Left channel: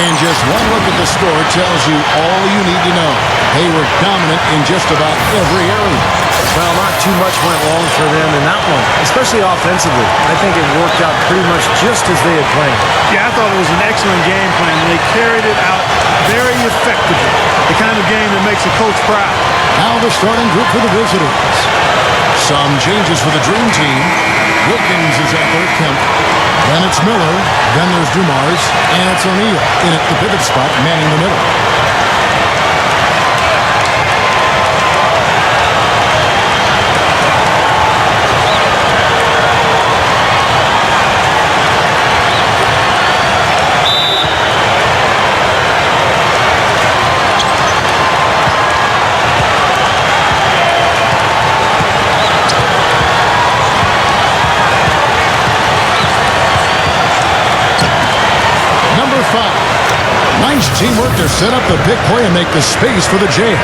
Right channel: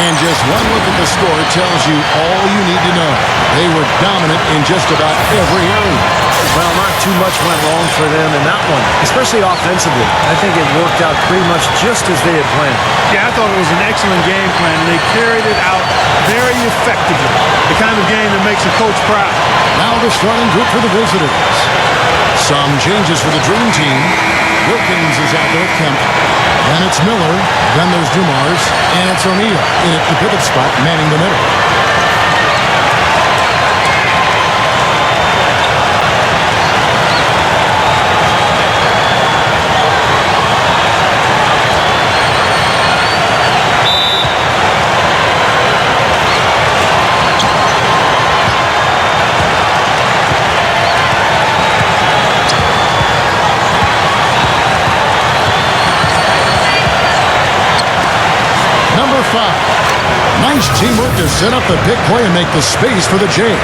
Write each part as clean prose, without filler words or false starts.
And just one look at the score tells you all you need to know. They were dominant in just about every area. Well, not too much went wrong for them in that one, especially offensively. I think it worked out pretty much just as they had planned. Yeah, I thought it was an excellent game plan, and they carried it out very effectively. The kind of game that makes a coach proud. Now the starting group for the visitors. Some changes for the Dream Team. Wilkins is out there at Kemp. Then it's Miller. Then there's Dumars. And it's O'Neal in at the pivot spot, manning the middle. Number 5. Nice teamwork to set up the big play and make the space for the J.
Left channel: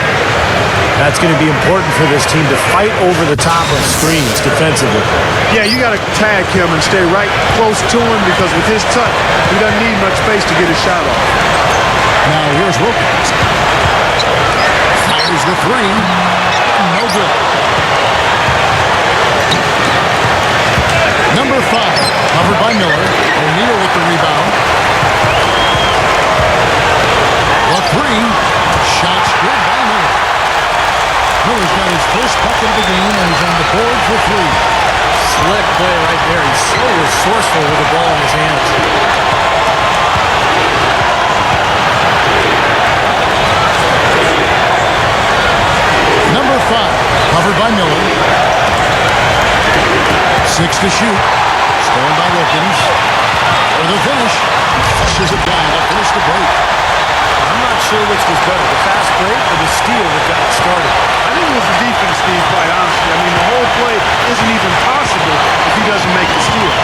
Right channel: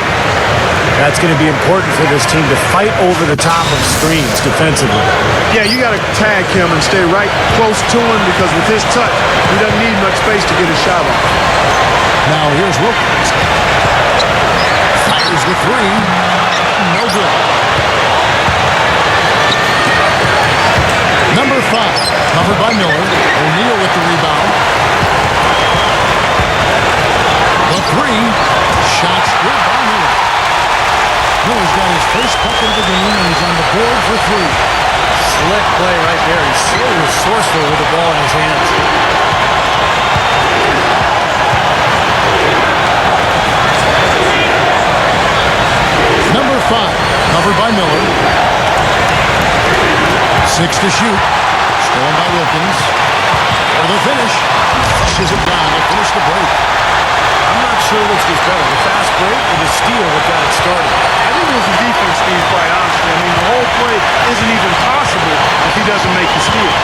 That's going to be important for this team to fight over the top of screens defensively. Yeah, you got to tag him and stay right close to him because with his touch, he doesn't need much space to get his shot off. Now here's Wilkins. Fires the 3. No good. Number 5. Covered by Miller. O'Neal with the rebound. The 3. Shot's good by Miller. Miller's got his first bucket of the game, and he's on the board for 3. Slick play right there. He's so resourceful with the ball in his hands. Number 5. Covered by Miller. 6 to shoot. Stolen by Wilkins. For the finish. He flushes it down to finish the break. I'm not sure which was better, the fast break or the steal that got it started. I think it was the defense, Steve, quite honestly. I mean, the whole play isn't even possible if he doesn't make the steal.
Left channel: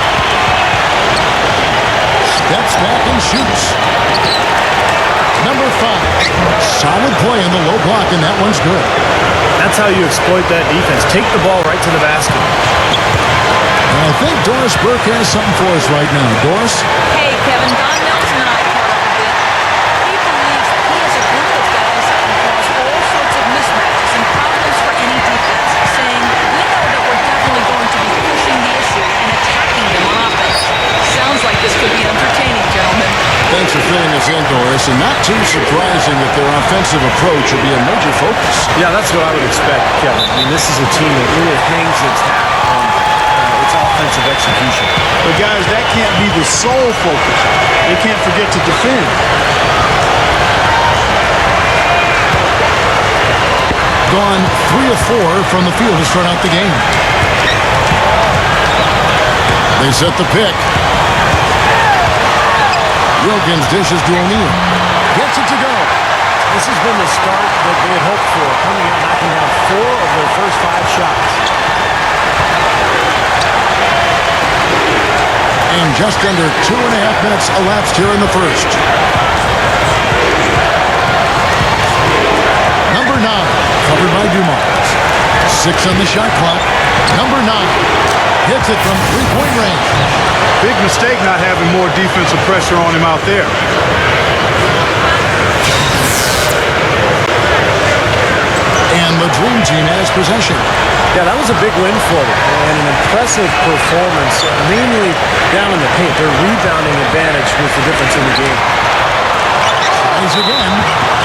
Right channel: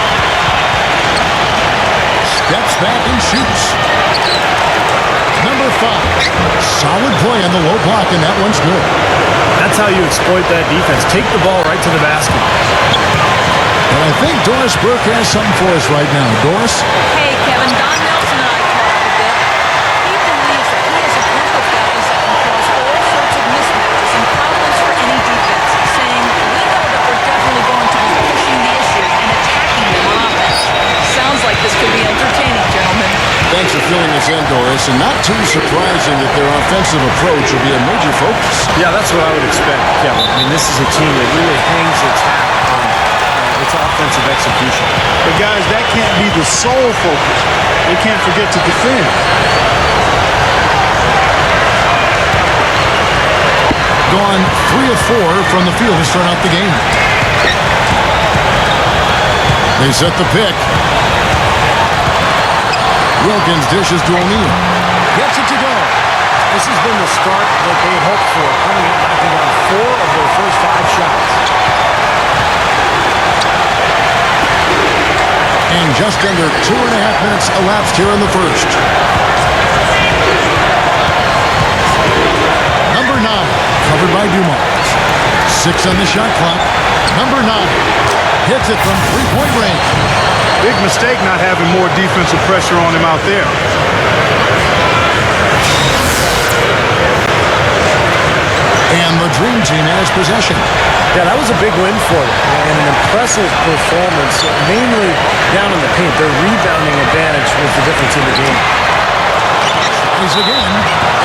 Steps back and shoots. Number 5. Solid play on the low block, and that one's good. That's how you exploit that defense. Take the ball right to the basket. And I think Doris Burke has something for us right now. Doris? Hey, Kevin, Don Nelson and I caught up a bit. He believes that he has a group of guys that can cause all sorts of mismatches and problems for any defense, saying, we know that we're definitely going to be pushing the issue and attacking them on offense. Sounds like this could be entertaining, gentlemen. Thanks for filling us in, Doris, and not too surprising that their offensive approach will be a major focus. Yeah, that's what I would expect, Kevin. I mean, this is a team that really hangs its hat on its offensive execution. But, guys, that can't be the sole focus. They can't forget to defend. Gone 3 of 4 from the field to start out the game. They set the pick. Wilkins dishes to O'Neal. Gets it to go. This has been the start that they had hoped for, coming out knocking down 4 of their first 5 shots. And just under 2.5 minutes elapsed here in the first. Number 9, covered by Dumars. 6 on the shot clock. Number 9 hits it from three-point range. Big mistake not having more defensive pressure on him out there. And the Dream Team has possession. Yeah, that was a big win for them, and an impressive performance, mainly down in the paint. Their rebounding advantage was the difference in the game. Tries again,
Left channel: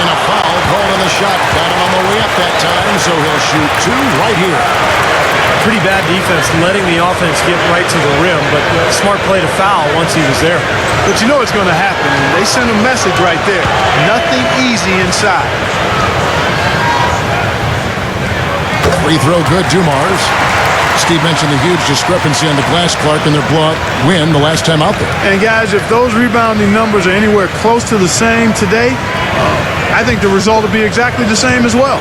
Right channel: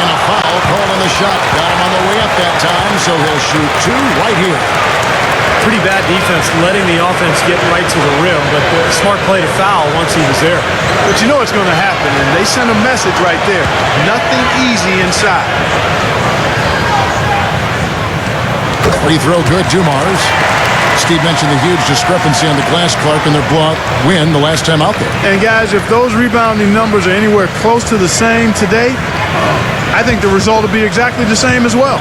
and a foul called on the shot. Got him on the way up that time, so he'll shoot 2 right here. Pretty bad defense, letting the offense get right to the rim, but smart play to foul once he was there. But you know it's going to happen, and they sent a message right there. Nothing easy inside. Free throw good, Dumars. Steve mentioned the huge discrepancy on the glass, Clark, in their win the last time out there. And, guys, if those rebounding numbers are anywhere close to the same today, I think the result will be exactly the same as well.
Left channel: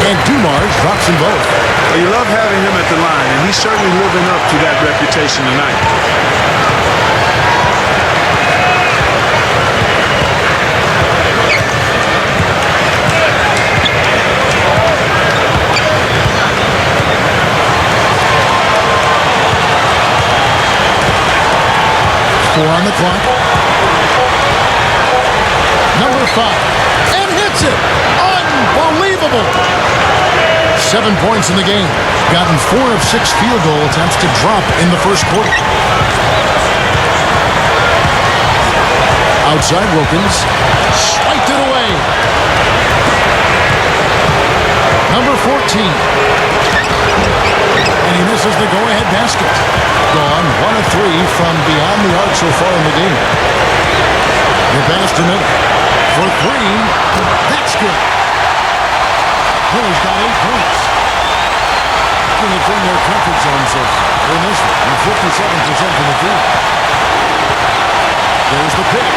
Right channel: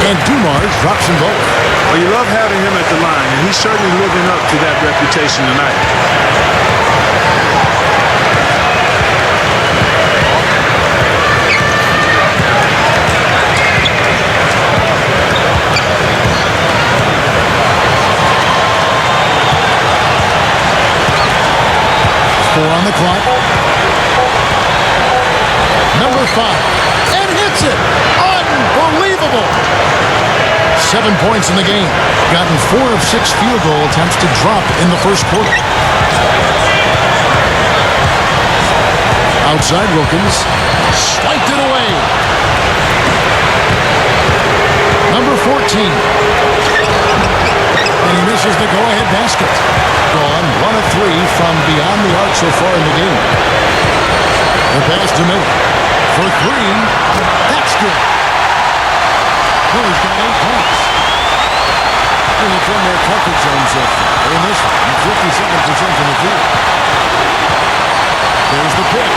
And Dumars drops them both. Well, you love having him at the line, and he's certainly living up to that reputation tonight. 4 on the clock. Number 5. And hits it. Unbelievable. 7 points in the game. Gotten 4 of 6 field goal attempts to drop in the first quarter. Outside Wilkins. Swiped it away. Number 14. And he misses the go-ahead basket. Gone 1 of 3 from beyond the arc so far in the game. The pass to Miller. For 3. That's good. Miller's got 8 points. Bring it from their comfort zone so far in this one. 57% from the field. There's the pick.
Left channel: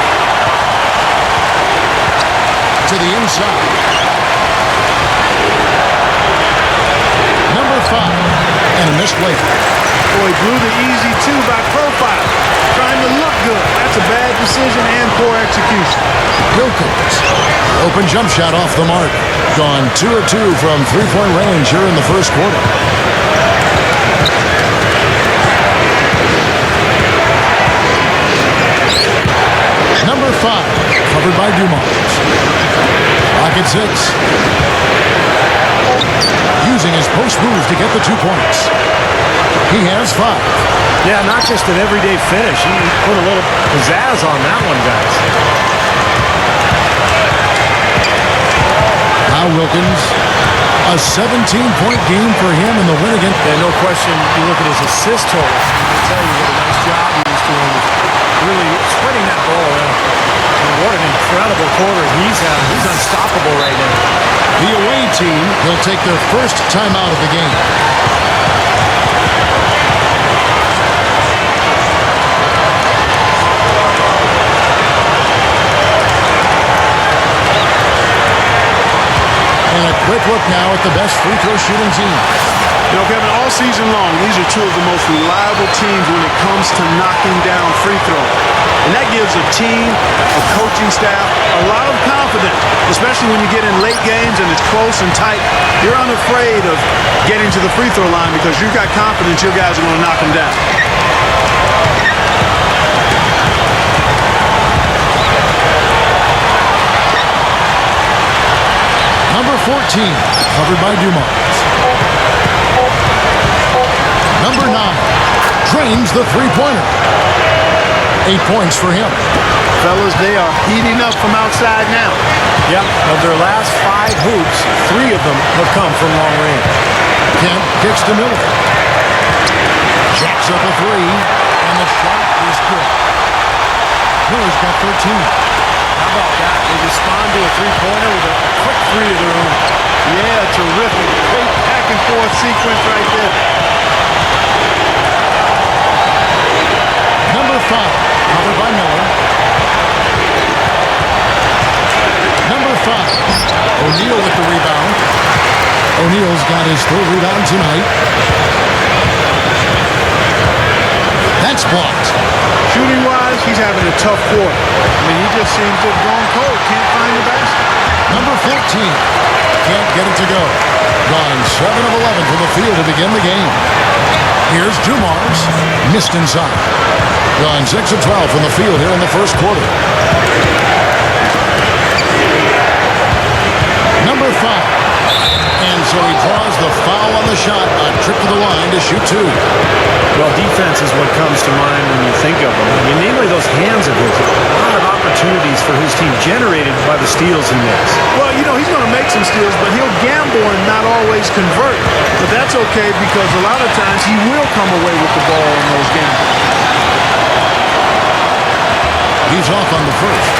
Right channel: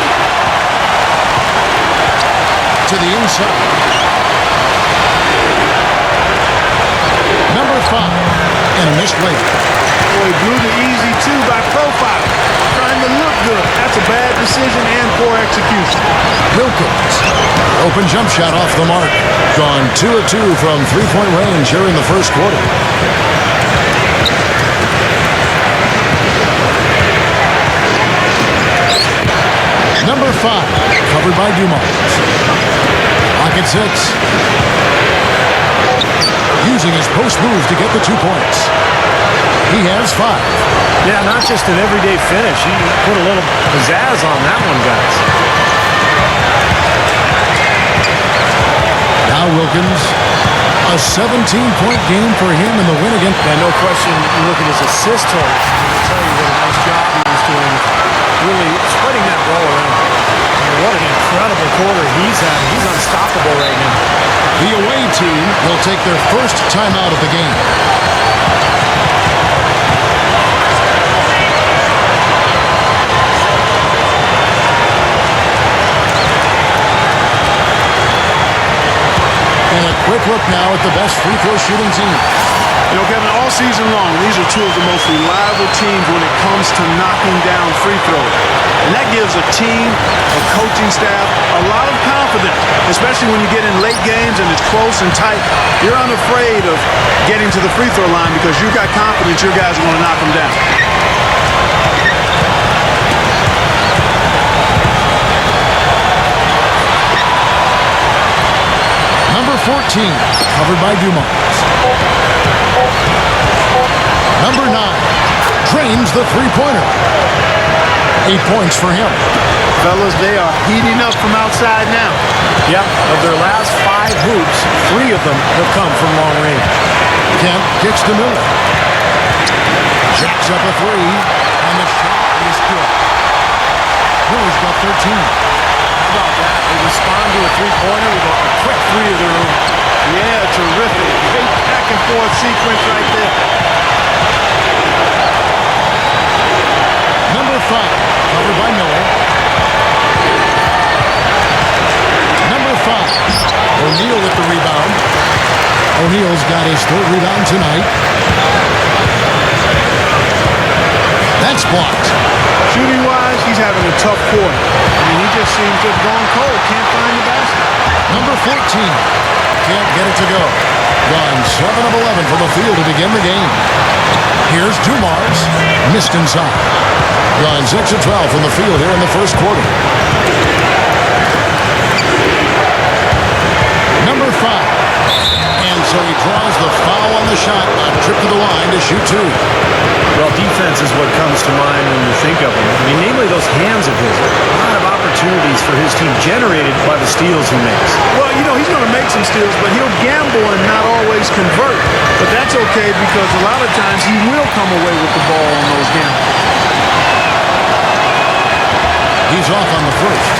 To the inside. Number 5. And a missed layup. Boy, he blew the easy 2 by profile. Trying to look good. That's a bad decision and poor execution. Wilkins. Open jump shot off the mark. Gone 2 of 2 from three-point range here in the first quarter. Number 5. Covered by Dumars. Clock at 6. Using his post move to get the 2 points. He has 5. Yeah, not just an everyday finish. He put a little pizzazz on that one, guys. Now Wilkins. A 17-point game for him in the win again. Yeah, no question. You look at his assist total. I'll tell you what a nice job he was doing with really spreading that ball around. I mean, what an incredible quarter he's having. He's unstoppable right now. The away team will take their first timeout of the game. And a quick look now at the best free throw shooting team. You know, Kevin, all season long, these are 2 of the most reliable teams when it comes to knocking down free throws. And that gives a team, a coaching staff, a lot of confidence, especially when you get in late games and it's close and tight. You're unafraid of getting to the free throw line because you've got confidence your guys are going to knock them down. Number 14, covered by Dumars. Number 9, drains the three-pointer. 8 points for him. Fellas, they are heating up from outside now. Yep, of their last 5 hoops, 3 of them have come from long range. Kemp kicks to Miller. Jacks up a 3, and the shot is good. Miller's got 13. How about that? They respond to a three-pointer with a quick 3 of their own. Yeah, terrific. Great back-and-forth sequence right there. Number 5, covered by Miller. Number 5, O'Neal with the rebound. O'Neal's got his 3rd rebound tonight. That's blocked. Shooting-wise, he's having a tough quarter. I mean, he just seems to have gone cold. Can't find the basket. Number 14, can't get it to go. Gone 7 of 11 from the field to begin the game. Here's Dumars, missed inside. Gone 6 of 12 from the field here in the first quarter. Number 5. And so he draws the foul on the shot, a trip to the line to shoot 2. Well, defense is what comes to mind when you think of him. I mean, namely those hands of his. A lot of opportunities for his team generated by the steals he makes. Well, you know, he's going to make some steals, but he'll gamble and not always convert. But that's okay because a lot of times he will come away with the ball on those gambles. He's off on the first.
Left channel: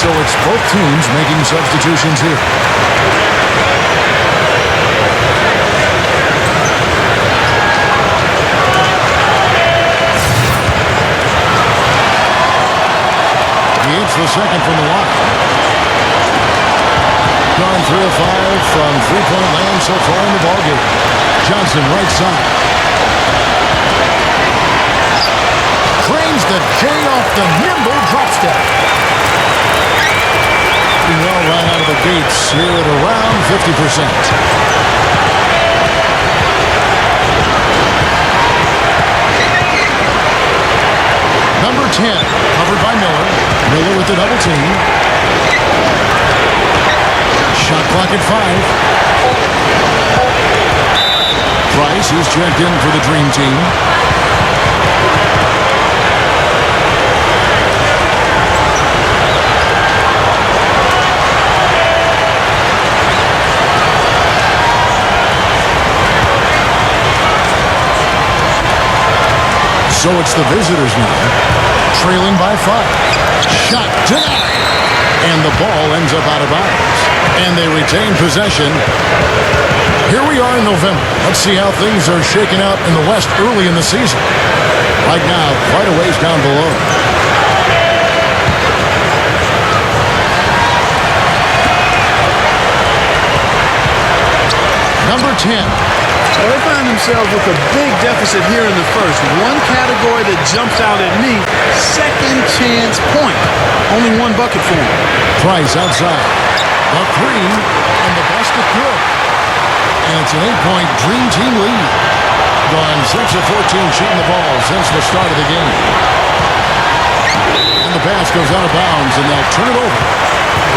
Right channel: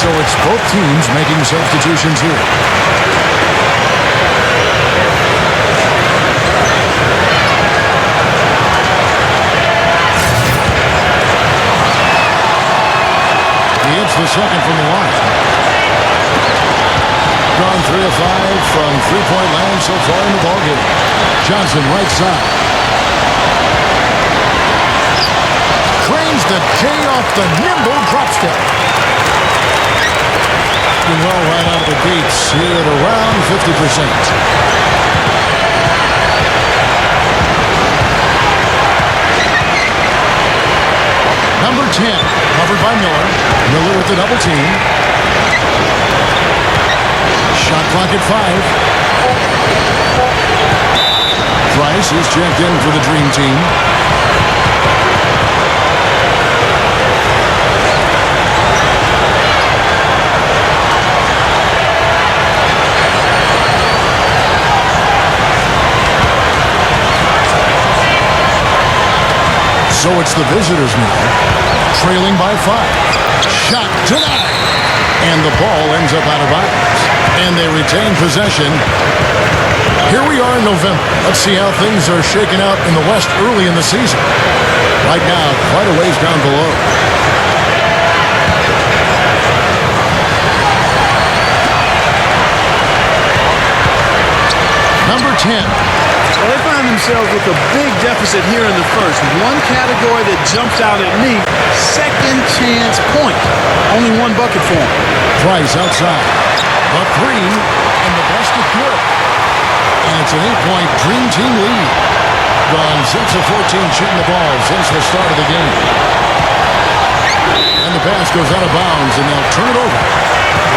So it's both teams making substitutions here. He hits the second from the line. Gone 3 of 5 from three-point land so far in the ballgame. Johnson right side. Cranes the J off the nimble drop step. Doing well right out of the gates here at around 50%. Number 10, covered by Miller. Miller with the double team. Shot clock at 5. Price is checked in for the Dream Team. So it's the visitors now, trailing by 5. Shot denied. And the ball ends up out of bounds. And they retain possession. Here we are in November. Let's see how things are shaking out in the West early in the season. Right now, quite a ways down below. Number 10. Well, they find themselves with a big deficit here in the first. One category that jumps out at me, second chance point. Only one bucket for them. Price outside. The 3, and the basket good. And it's an 8-point Dream Team lead. Gone 6 of 14 shooting the ball since the start of the game. And the pass goes out of bounds, and they'll turn it over.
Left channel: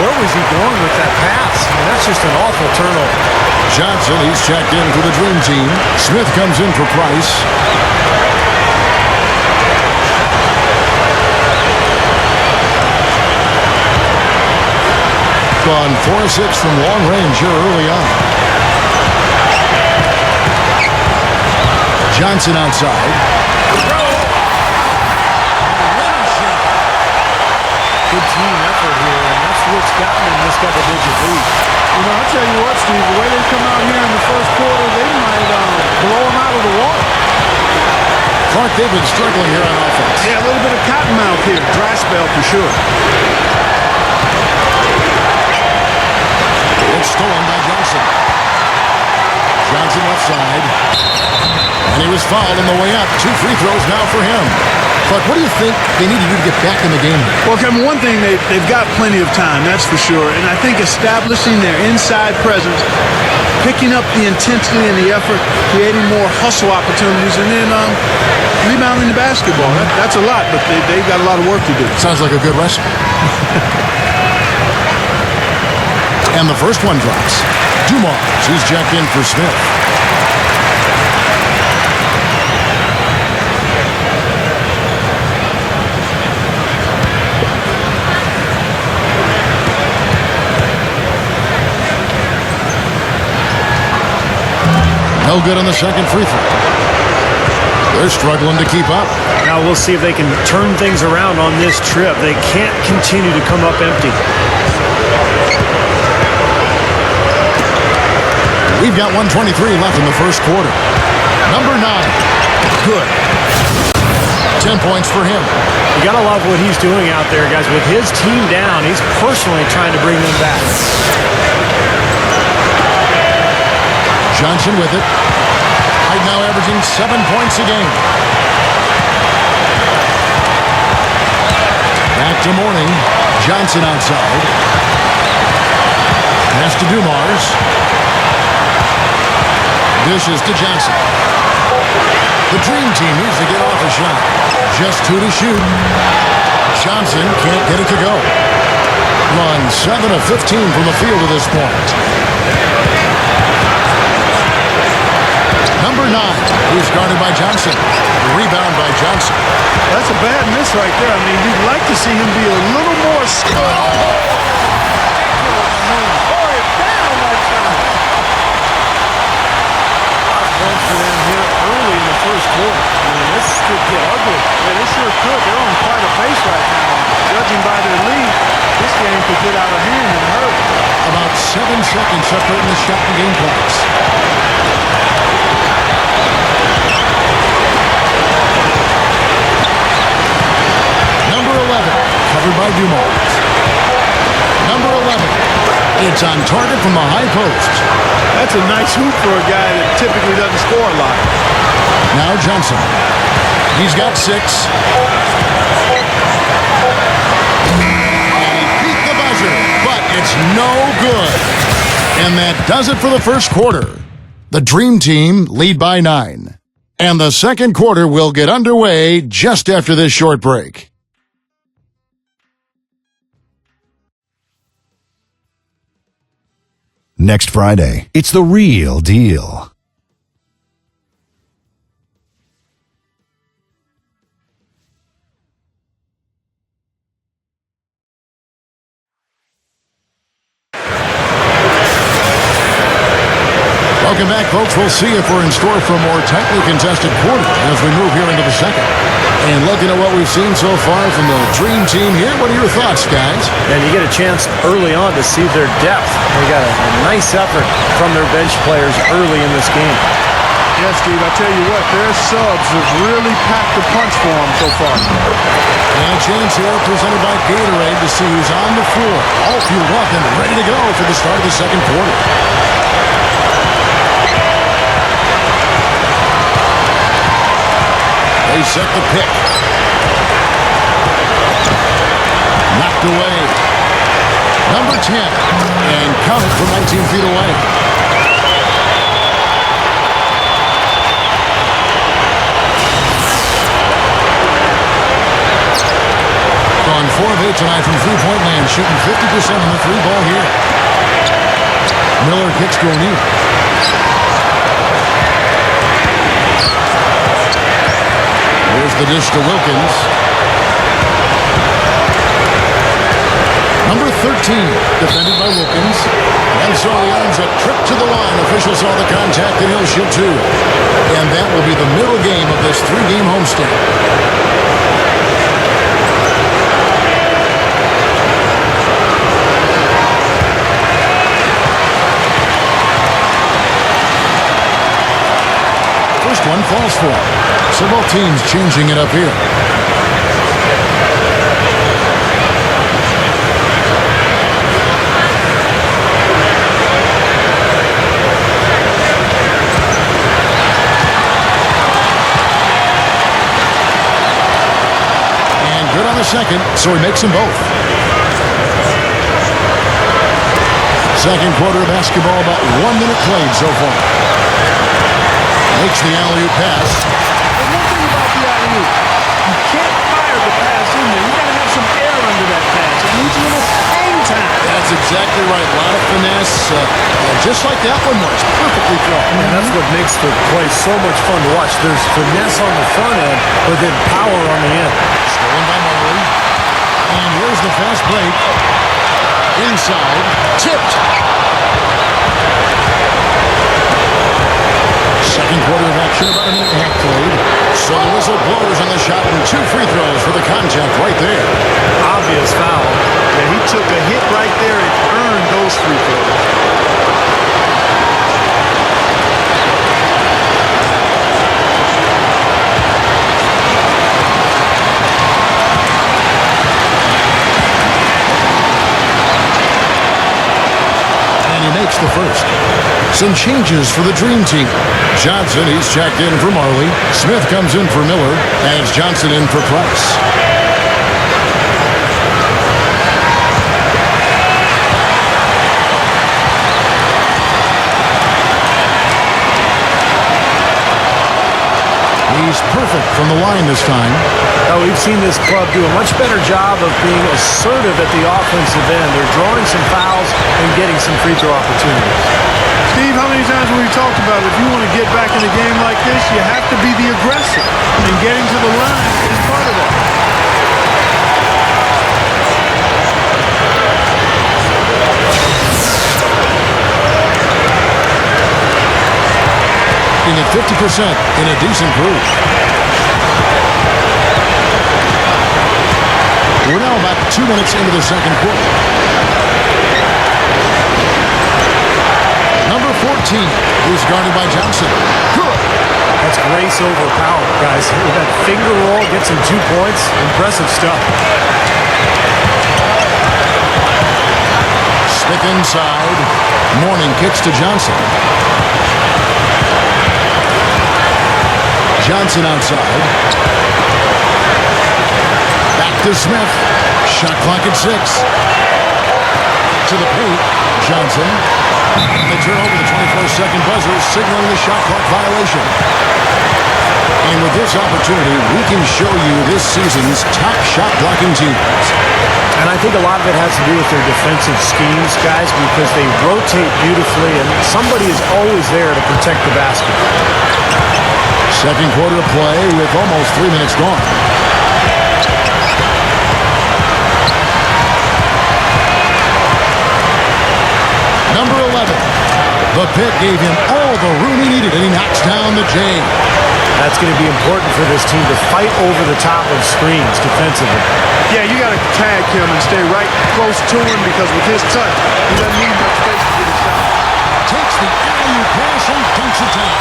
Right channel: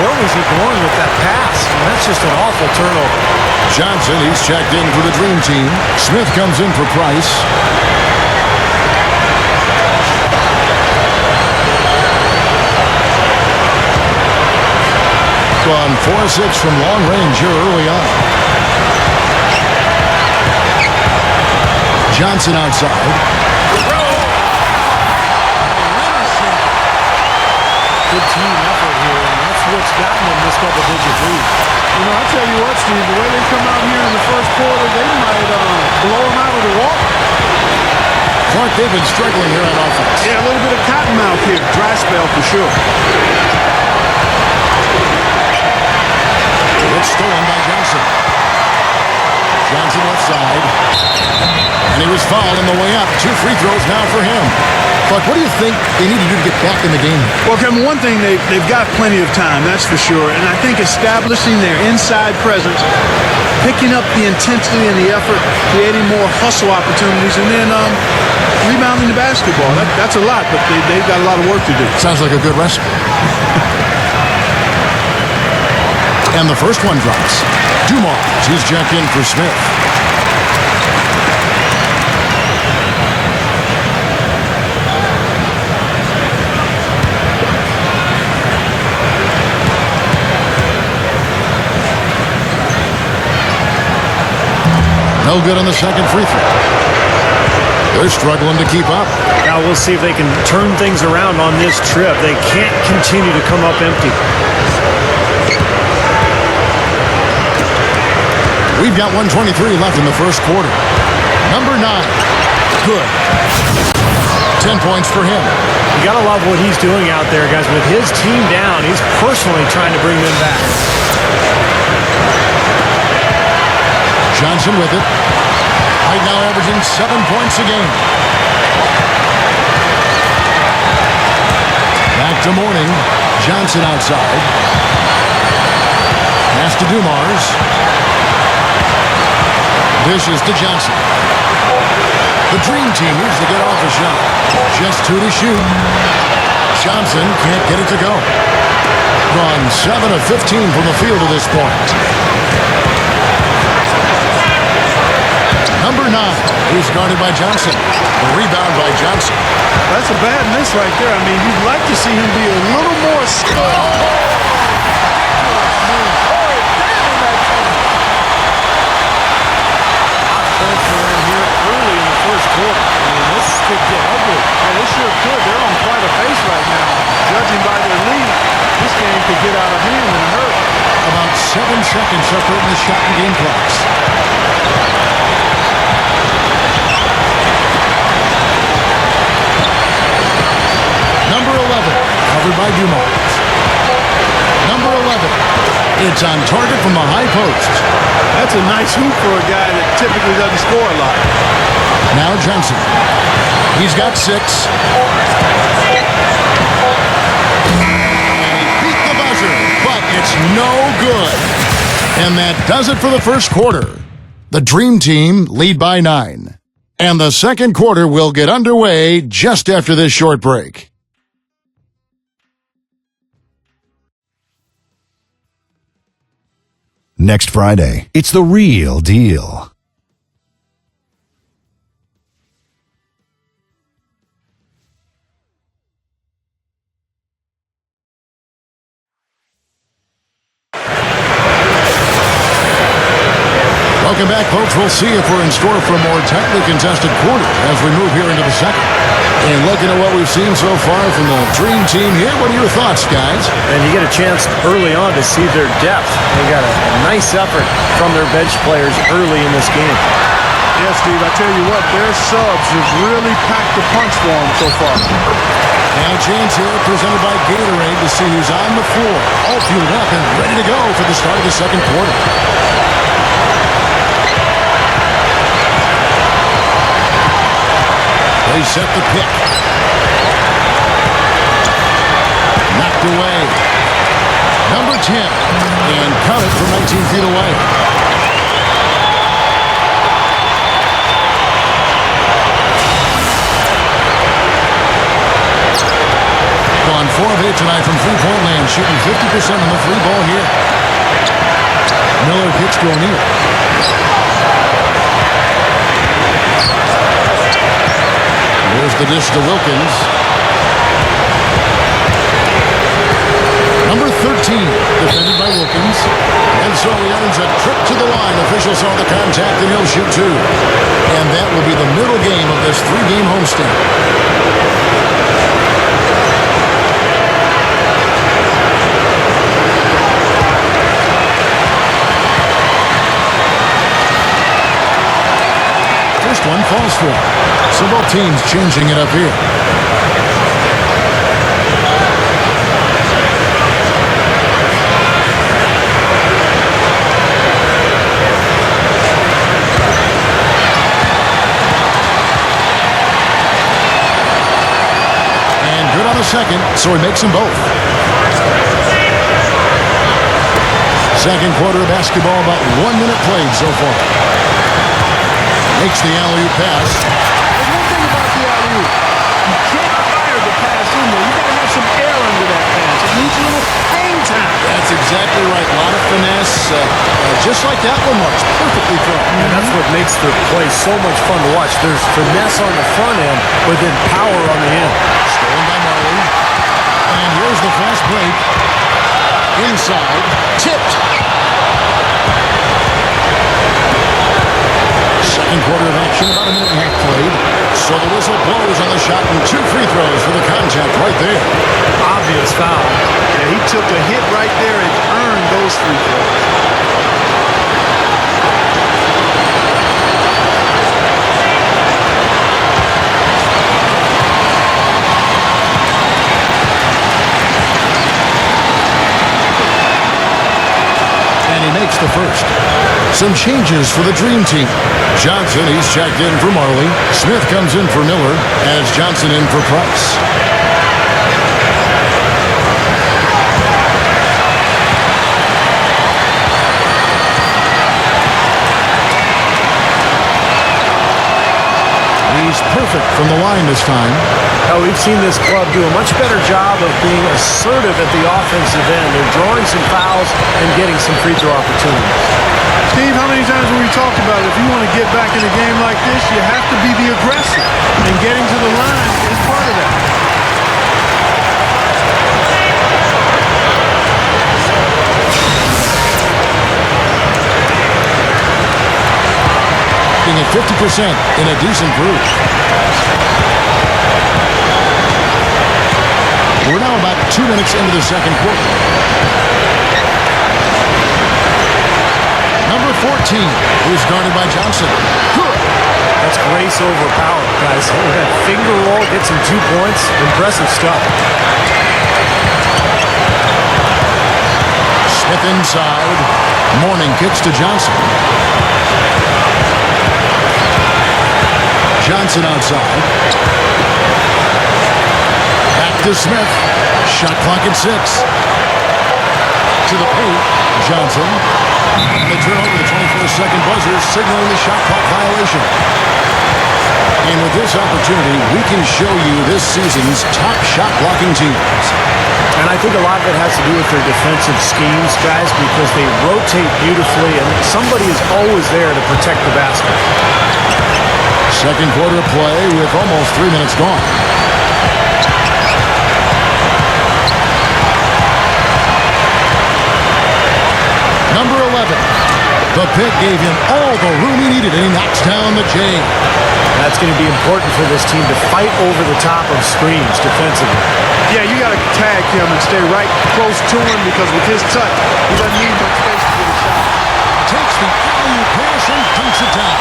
Where was he going with that pass? I mean, that's just an awful turnover. Johnson, he's checked in for the Dream Team. Smith comes in for Price. Gone 4 of 6 from long range here early on. Johnson outside. Good team effort here, and that's what's gotten them this double-digit lead. You know, I'll tell you what, Steve, the way they come out here in the first quarter, they might blow them out of the water. Clark, they've been struggling here on offense. Yeah, a little bit of cottonmouth here. Dry spell for sure. It's stolen by Johnson. Johnson left side. And he was fouled on the way up. 2 free throws now for him. Clark, what do you think they need to do to get back in the game here? Well, Kevin, one thing, they've got plenty of time, that's for sure. And I think establishing their inside presence, picking up the intensity and the effort, creating more hustle opportunities, and then rebounding the basketball. That's a lot, but they've got a lot of work to do. Sounds like a good recipe. And the first one drops. Dumars, he's checked in for Smith. No good on the second free throw. They're struggling to keep up. Now we'll see if they can turn things around on this trip. They can't continue to come up empty. We've got 1:23 left in the first quarter. Number 9. Good. 10 points for him. You got to love what he's doing out there, guys. With his team down, he's personally trying to bring them back. Johnson with it. Right now averaging 7 points a game. Back to Mourning. Johnson outside. Pass to Dumars. Dishes to Johnson. The Dream Team needs to get off a shot. Just 2 to shoot. Johnson can't get it to go. Gone 7 of 15 from the field to this point. Number 9, he's guarded by Johnson. The rebound by Johnson. Well, that's a bad miss right there. I mean, you'd like to see him be a little more skilled. Ridiculous move. Tore it down that time. A lot of points for them here early in the first quarter. I mean, this could get ugly. Yeah, they sure could. They're on quite a pace right now. And judging by their lead, this game could get out of hand in a hurry. About 7 seconds separating the shot and game clocks. Number 11, covered by Dumars. Number 11, it's on target from the high post. That's a nice hoop for a guy that typically doesn't score a lot. Now Johnson. He's got 6. And he beat the buzzer, but it's no good. And that does it for the first quarter. The Dream Team lead by 9. And the second quarter will get underway just after this short break. Next Friday, it's the real deal. Welcome back, folks. We'll see if we're in store for a more tightly contested quarter as we move here into the second. And looking at what we've seen so far from the Dream Team here, what are your thoughts, guys? And you get a chance early on to see their depth. They got a nice effort from their bench players early in this game. Yes, Steve, I tell you what, their subs have really packed the punch for them so far. And a chance here presented by Gatorade to see who's on the floor, all fueled up and ready to go for the start of the second quarter. They set the pick. Knocked away. Number 10. And counted from 19 feet away. Gone 4 of 8 tonight from three-point land, shooting 50% on the three ball here. Miller kicks to O'Neal. Here's the dish to Wilkins. Number 13, defended by Wilkins. And so he earns a trip to the line. Official saw the contact, and he'll shoot 2. And that will be the middle game of this 3-game homestand. First one falls for him. So both teams changing it up here. And good on the second, so he makes them both. Second quarter of basketball, about 1 minute played so far. Makes the alley-oop pass. There's one thing about the alley-oop. You can't fire the pass in there. You got to have some air under that pass. It needs a little hang time. That's exactly right. A lot of finesse, just like that one was. Perfectly thrown. And that's what makes the play so much fun to watch. There's finesse on the front end, but then power on the end. Stolen by Marley. And here's the fast break. Inside. Tipped. Second quarter of action, about 1.5 minutes played. So the whistle blows on the shot and 2 free throws for the contact right there. Obvious foul. Yeah, he took a hit right there and earned those free throws. And he makes the first. Some changes for the Dream Team. Johnson, he's checked in for Marley. Smith comes in for Miller, and it's Johnson in for Price. He's perfect from the line this time. Now, we've seen this club do a much better job of being assertive at the offensive end. They're drawing some fouls and getting some free throw opportunities. Steve, how many times have we talked about it? If you want to get back in a game like this, you have to be the aggressor. And getting to the line is part of that. Being at 50% in a decent groove. We're now about 2 minutes into the second quarter. Number 14, he's guarded by Johnson. Good. That's grace over power, guys. That finger roll gets him 2 points. Impressive stuff. Smith inside. Mourning kicks to Johnson. Johnson outside. Back to Smith. Shot clock at 6. To the paint. Johnson. And they turn over the 24-second buzzer, signaling the shot clock violation. And with this opportunity, we can show you this season's top shot blocking teams. And I think a lot of it has to do with their defensive schemes, guys, because they rotate beautifully and somebody is always there to protect the basket. Second quarter of play with almost 3 minutes gone. Number 11. The pick gave him all the room he needed, and he knocks down the J. That's going to be important for this team to fight over the top of screens defensively. Yeah, you got to tag him and stay right close to him because with his touch, he doesn't need much space to get a shot. Takes the alley-oop pass and dunks it down.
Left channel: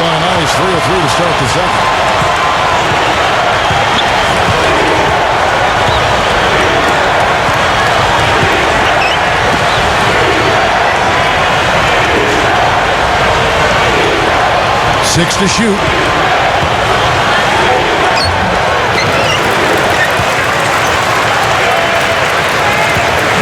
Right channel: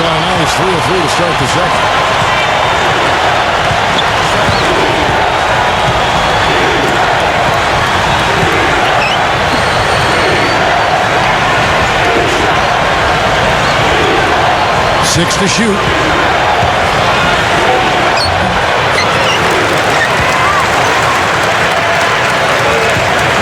Got a nice 3 of 3 to start the second. Six to shoot.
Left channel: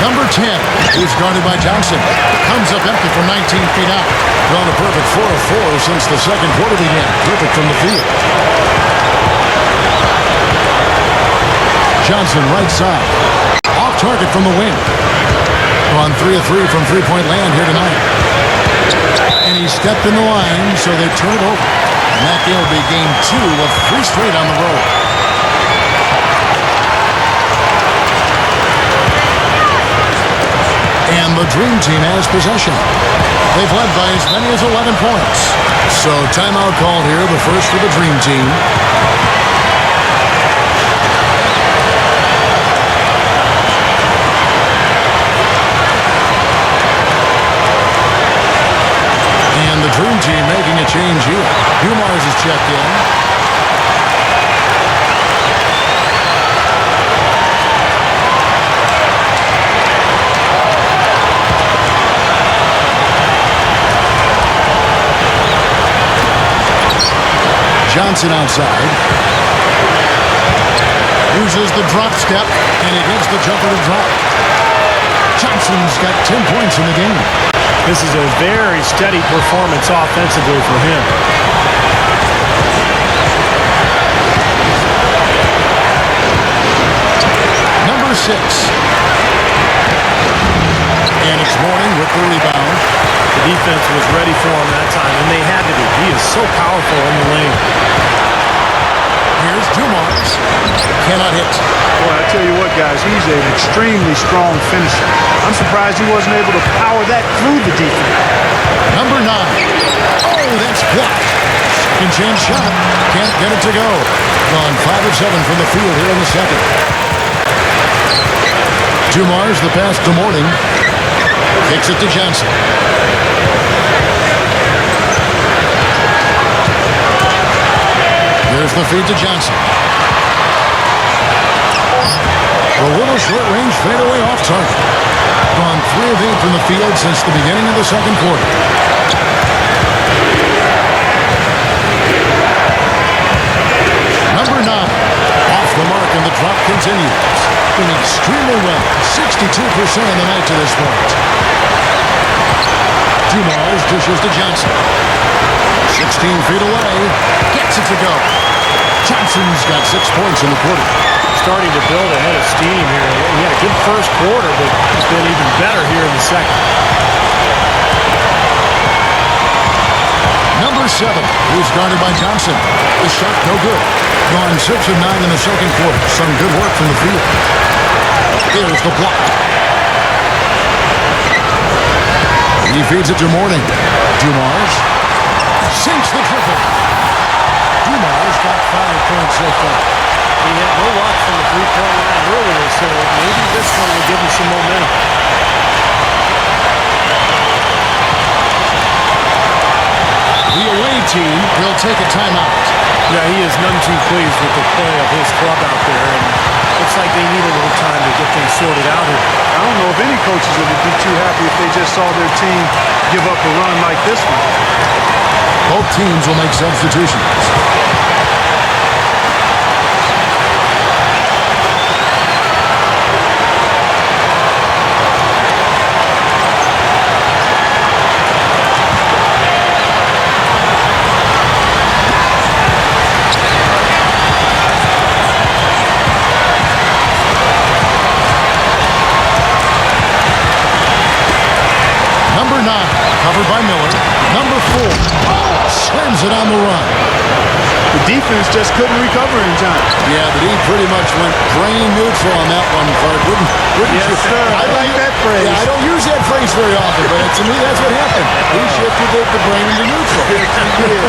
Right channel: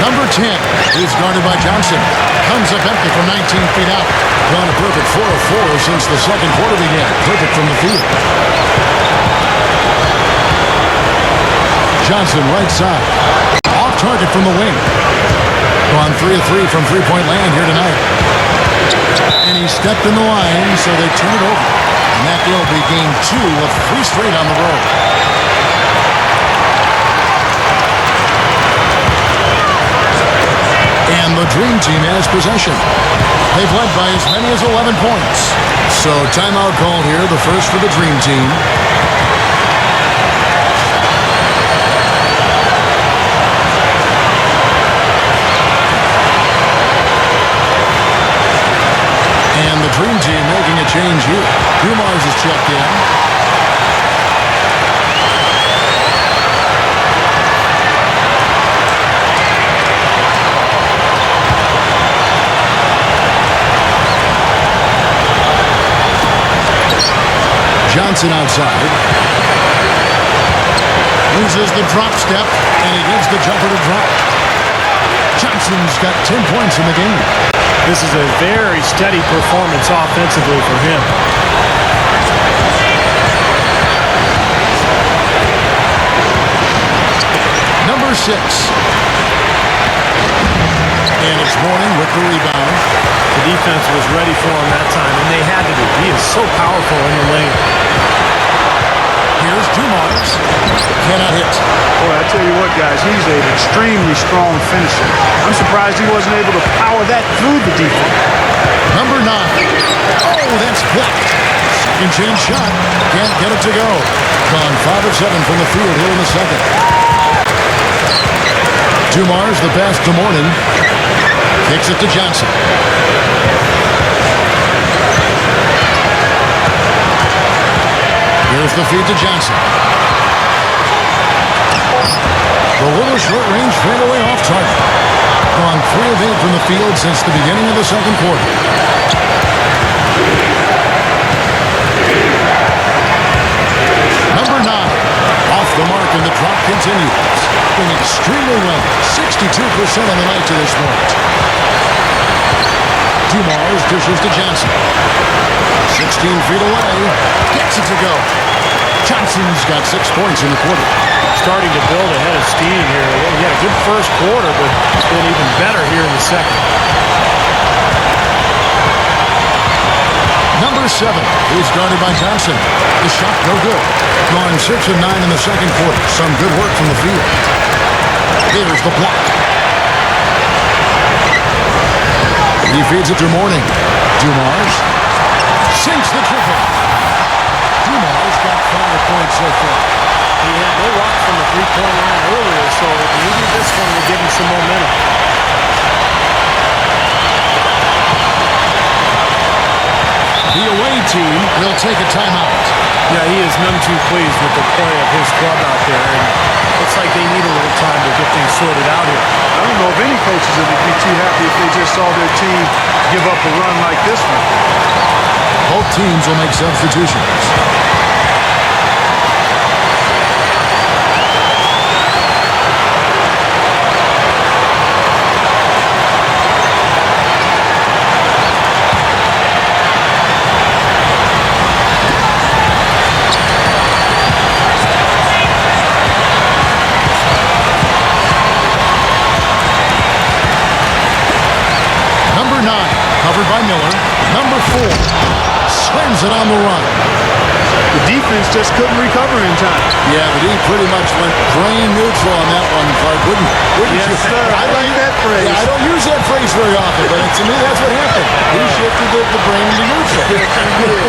Number 10 is guarded by Johnson. Comes up empty from 19 feet out. Gone a perfect 4 of 4 since the second quarter began. Perfect from the field. Johnson right side. Off target from the wing. Gone 3 of 3 from three-point land here tonight. And he stepped in the line, so they turn it over. And that will be game 2 of 3 straight on the road. And the Dream Team has possession. They've led by as many as 11 points. So timeout called here, the first for the Dream Team. And the Dream Team making a change here. Dumars is checked in. Johnson outside. Uses the drop step, and he gets the jumper to drop. Johnson's got 10 points in the game. This is a very steady performance offensively for him. Number 6. And it's Mourning with the rebound. The defense was ready for him that time, and they had to be. He is so powerful in the lane. Here's Dumars. Cannot hit. Boy, I tell you what, guys, he's an extremely strong finisher. I'm surprised he wasn't able to power that through the defense. Number 9. Oh, that's blocked. Second chance shot. Can't get it to go. Gone 5 of 7 from the field here in the second. Dumars, the pass to Mourning. Kicks it to Johnson. There's the feed to Johnson. The little short-range fadeaway off target. Gone 3 of 8 from the field since the beginning of the second quarter. Number 9. Off the mark, and the drop continues. Doing extremely well. 62% on the night to this point. Dumars dishes to Johnson. 16 feet away. Gets it to go. Johnson's got 6 points in the quarter. Starting to build a head of steam here. He had a good first quarter, but it's been even better here in the second. Number 7. He's guarded by Johnson. The shot no good. Gone 6 of 9 in the second quarter. Some good work from the field. There's the block. He feeds it to Mourning. Dumars sinks the triple. Dumars got 5 points so far. He had no luck from the three-point line earlier, so maybe this one will give him some momentum. The away team will take a timeout. Yeah, he is none too pleased with the play of his club out there, and looks like they need a little time to get things sorted out here. I don't know if any coaches would be too happy if they just saw their team give up a run like this one. Both teams will make substitutions. Number 9, covered by Miller. Number 4, slams it on the run. The defense just couldn't recover in time. Yeah, the D pretty much went brain neutral on that one, Clark. Wouldn't Yes, you? sir. I like that phrase. Yeah, I don't use that phrase very often, but to me, that's what happened. He shifted the brain into neutral. Yes, he did.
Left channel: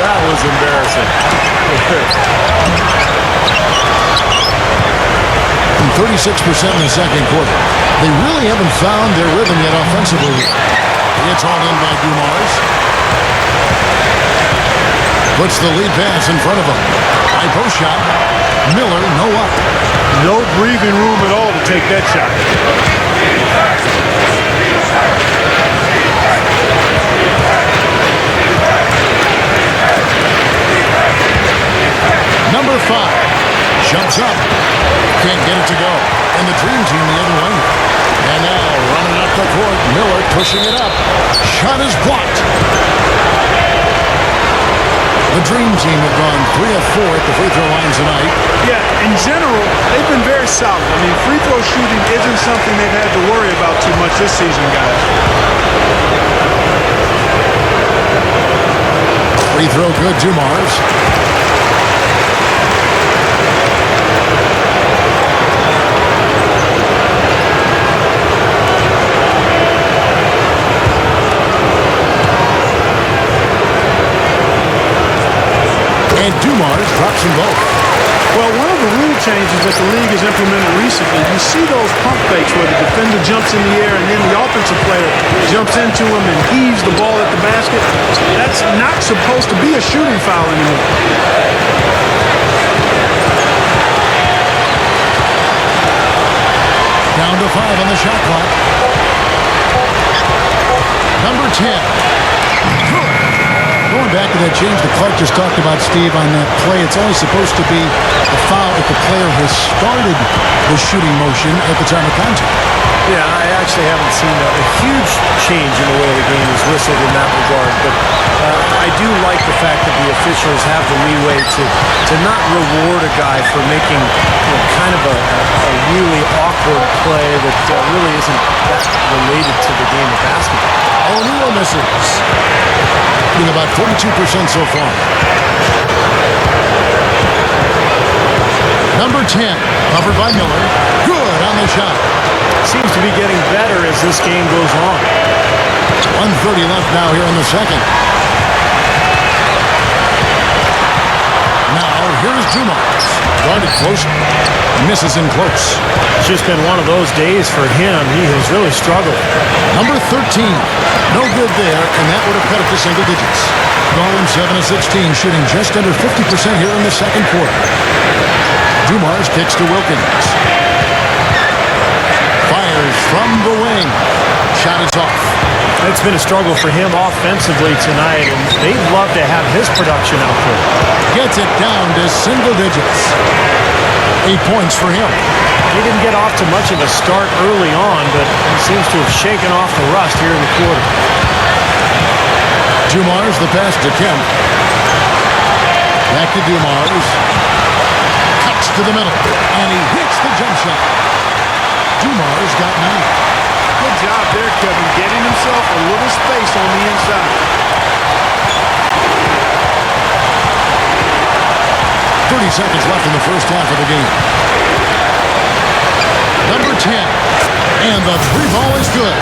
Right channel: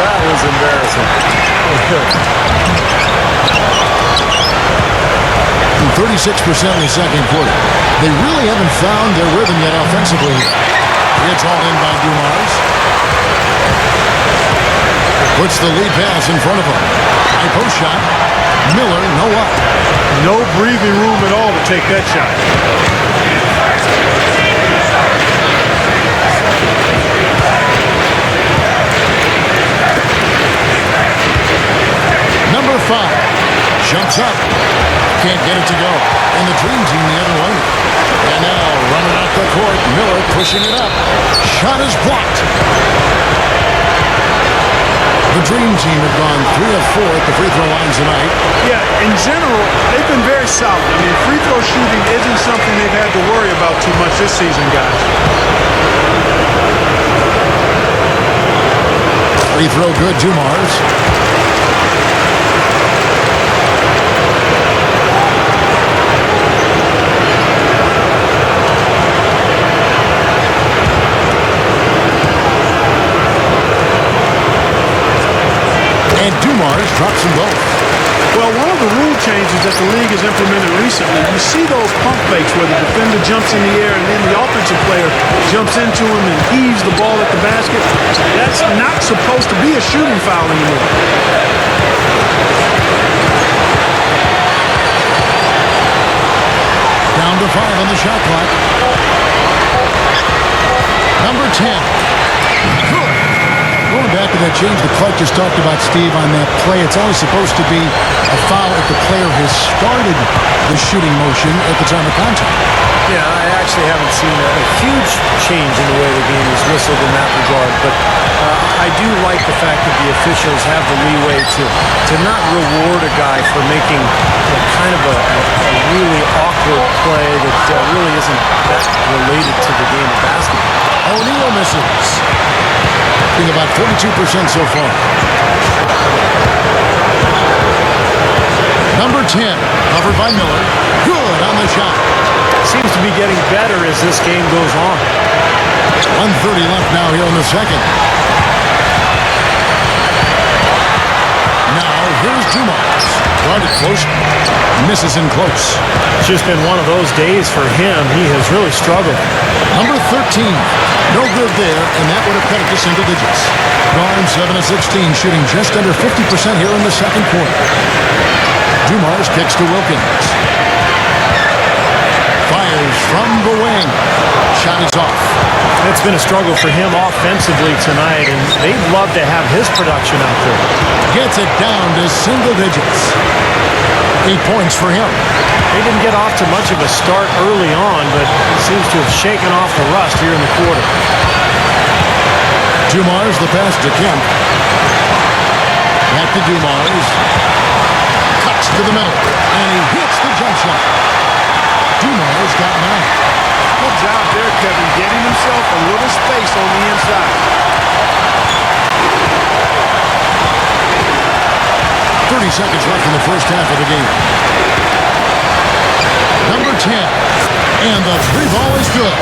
That was embarrassing. 36% in the second quarter. They really haven't found their rhythm yet offensively here. It's all in by Dumars. Puts the lead pass in front of him. High post shot. Miller, no up. No breathing room at all to take that shot. Number 5 jumps up. Can't get it to go. And the Dream Team the other way. And now running up the court. Miller pushing it up. Shot is blocked. The Dream Team have gone 3 of 4 at the free throw lines tonight. Yeah, in general, they've been very solid. I mean, free throw shooting isn't something they've had to worry about too much this season, guys. Free throw good, Dumars. And Dumars drops them both. Well, one of the rule changes that the league has implemented recently, you see those pump fakes where the defender jumps in the air and then the offensive player jumps into him and heaves the ball at the basket. That's not supposed to be a shooting foul anymore. Down to 5 on the shot clock. Number 10. Good. Going back to that change that Clark just talked about, Steve, on that play, it's only supposed to be a foul if the player has started the shooting motion at the time of contact. Yeah, I actually haven't seen a huge change in the way the game is whistled in that regard, but I do like the fact that the officials have the leeway to not reward a guy for making kind of a really awkward play that really isn't that related to the game of basketball. O'Neal misses. Being about 42% so far. Number 10, covered by Miller. Good on the shot. Seems to be getting better as this game goes on. 1:30 left now here in the second. Now here's Dumars. Guarded closer. Misses in close. It's just been one of those days for him. He has really struggled. Number 13. No good there, and that would have cut it to single digits. Gone 7 of 16, shooting just under 50% here in the second quarter. Dumars kicks to Wilkins. Fires from the wing. Shot is off. It's been a struggle for him offensively tonight, and they'd love to have his production out there. Gets it down to single digits. 8 points for him. He didn't get off to much of a start early on, but he seems to have shaken off the rust here in the quarter. Dumars, the pass to Kemp. Back to Dumars. Cuts to the middle, and he hits the jump shot. Dumars got 9. Good job there, Kevin, getting himself a little space on the inside. 30 seconds left in the first half of the game. Number 10. And the 3 ball is good.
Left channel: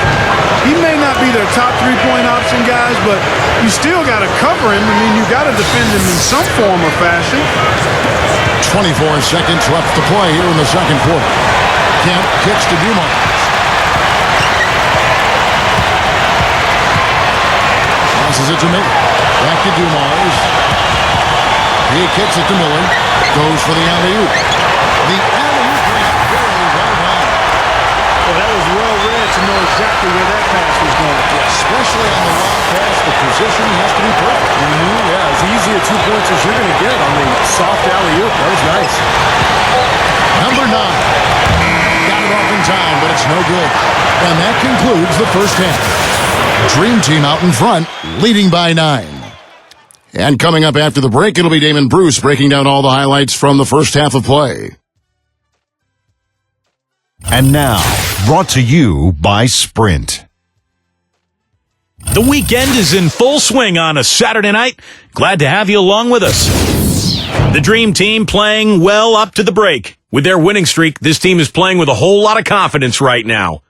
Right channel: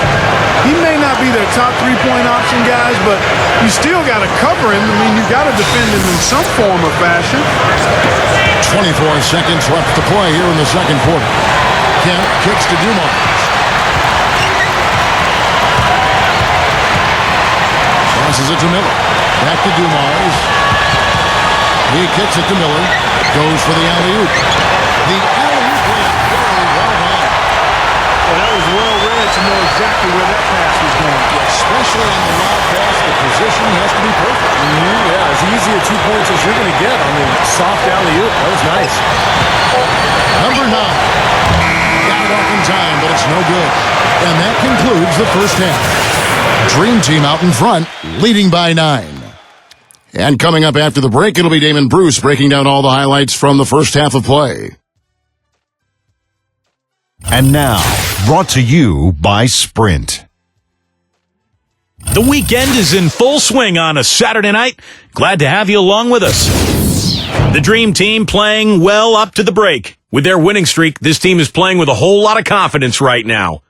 He may not be their top three-point option, guys, but you still got to cover him. I mean, you got to defend him in some form or fashion. 24 seconds left to play here in the second quarter. Kemp kicks to Dumars. Passes it to Miller. Back to Dumars. He kicks it to Miller. Goes for the alley-oop. The alley-oop layup. Very well done. Well, that was well read to know exactly where that pass was going. Yeah, especially on the lob pass, the position has to be perfect. Yeah, as easy a 2 points as you're going to get on the soft alley-oop. That was nice. Number 9. Got it off in time, but it's no good. And that concludes the first half. Dream Team out in front, leading by 9. And coming up after the break, it'll be Damon Bruce breaking down all the highlights from the first half of play. And now, brought to you by Sprint. The weekend is in full swing on a Saturday night. Glad to have you along with us. The Dream Team playing well up to the break. With their winning streak, this team is playing with a whole lot of confidence right now.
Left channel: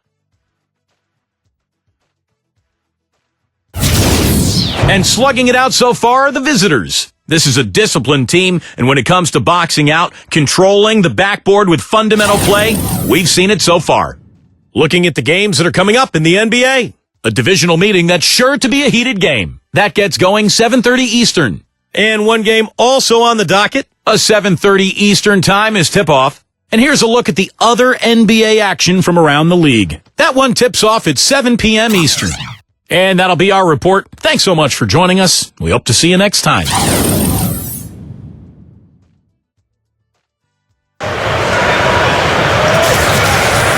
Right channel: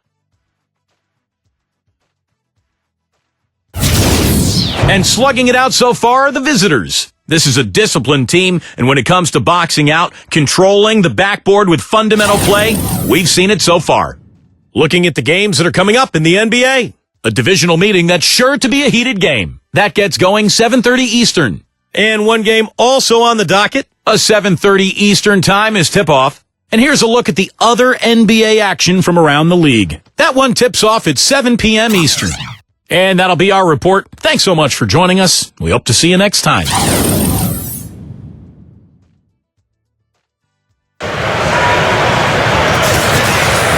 And slugging it out so far are the visitors. This is a disciplined team, and when it comes to boxing out, controlling the backboard with fundamental play, we've seen it so far. Looking at the games that are coming up in the NBA. A divisional meeting that's sure to be a heated game. That gets going 7:30 Eastern. And one game also on the docket, a 7:30 Eastern time is tip-off. And here's a look at the other NBA action from around the league. That one tips off at 7 p.m. Eastern. And that'll be our report. Thanks so much for joining us. We hope to see you next time.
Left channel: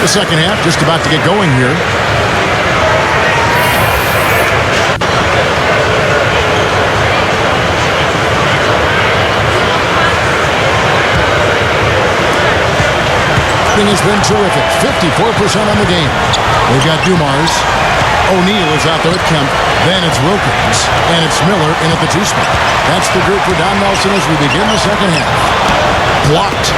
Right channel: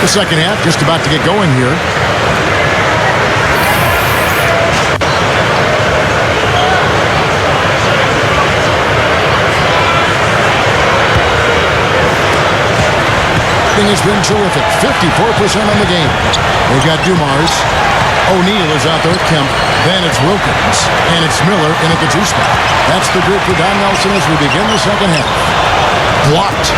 The second half just about to get going here. Has been terrific. 54% on the game. They've got Dumars. O'Neal is out there with Kemp. Then it's Wilkins. And it's Miller in at the 2 spot. That's the group for Don Nelson as we begin the second half. Blocked.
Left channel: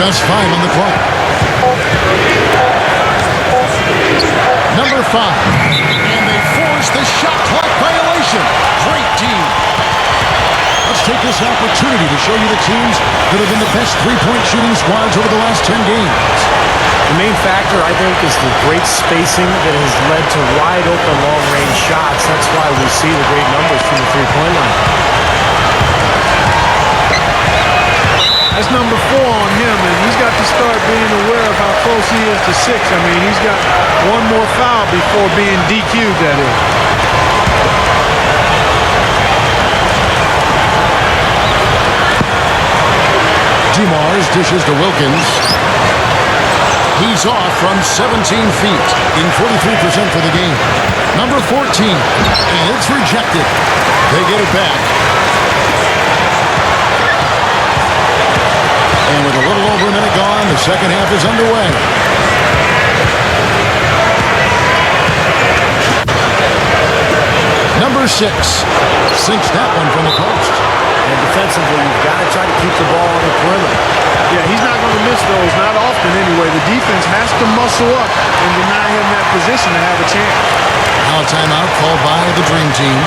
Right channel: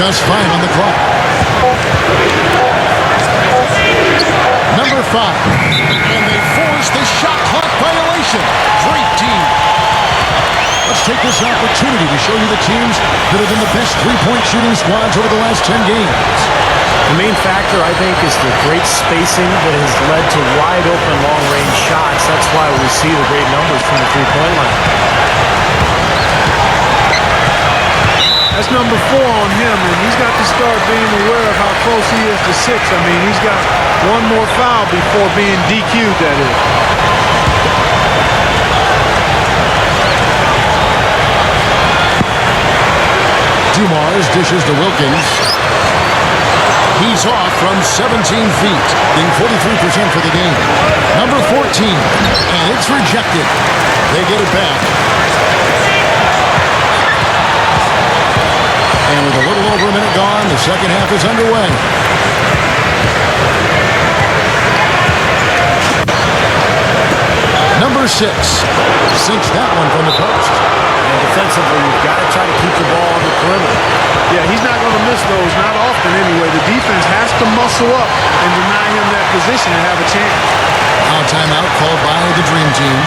Just 5 on the clock. Number 5. And they force the shot clock violation. Great team. Let's take this opportunity to show you the teams that have been the best three-point shooting squads over the last 10 games. The main factor, I think, is the great spacing that has led to wide-open long-range shots. That's why we see the great numbers from the three-point line. That's number 4 on him, and he's got to start being aware of how close he is to 6. I mean, he's got one more foul before being DQ'd, that is. Dumars dishes to Wilkins. He's off from 17 feet, being 43% for the game. Number 14, and it's rejected. They get it back. And with a little over a minute gone, the second half is underway. Number 6 sinks that one from the post. And defensively, you've got to try to keep the ball on the perimeter. Yeah, he's not going to miss those, not often anyway. The defense has to muscle up and deny him that position to have a chance. Now a timeout called by the Dream Team.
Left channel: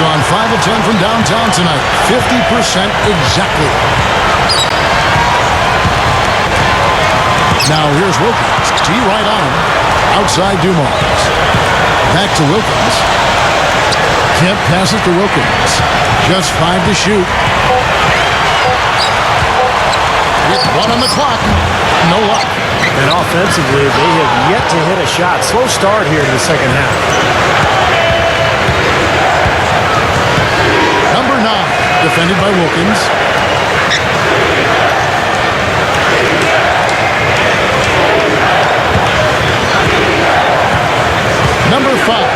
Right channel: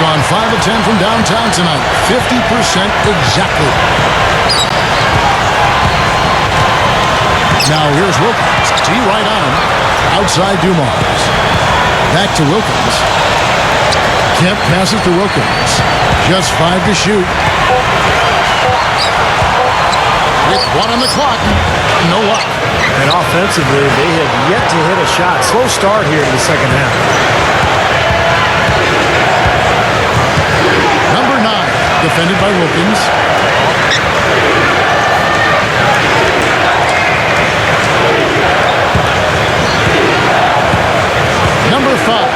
Gone 5 of 10 from downtown tonight. 50% exactly. Now here's Wilkins. T right on him. Outside Dumars. Back to Wilkins. Kemp passes to Wilkins. Just 5 to shoot. With 1 on the clock. No luck. And offensively, they have yet to hit a shot. Slow start here to the second half. Number 9, defended by Wilkins. Number 5.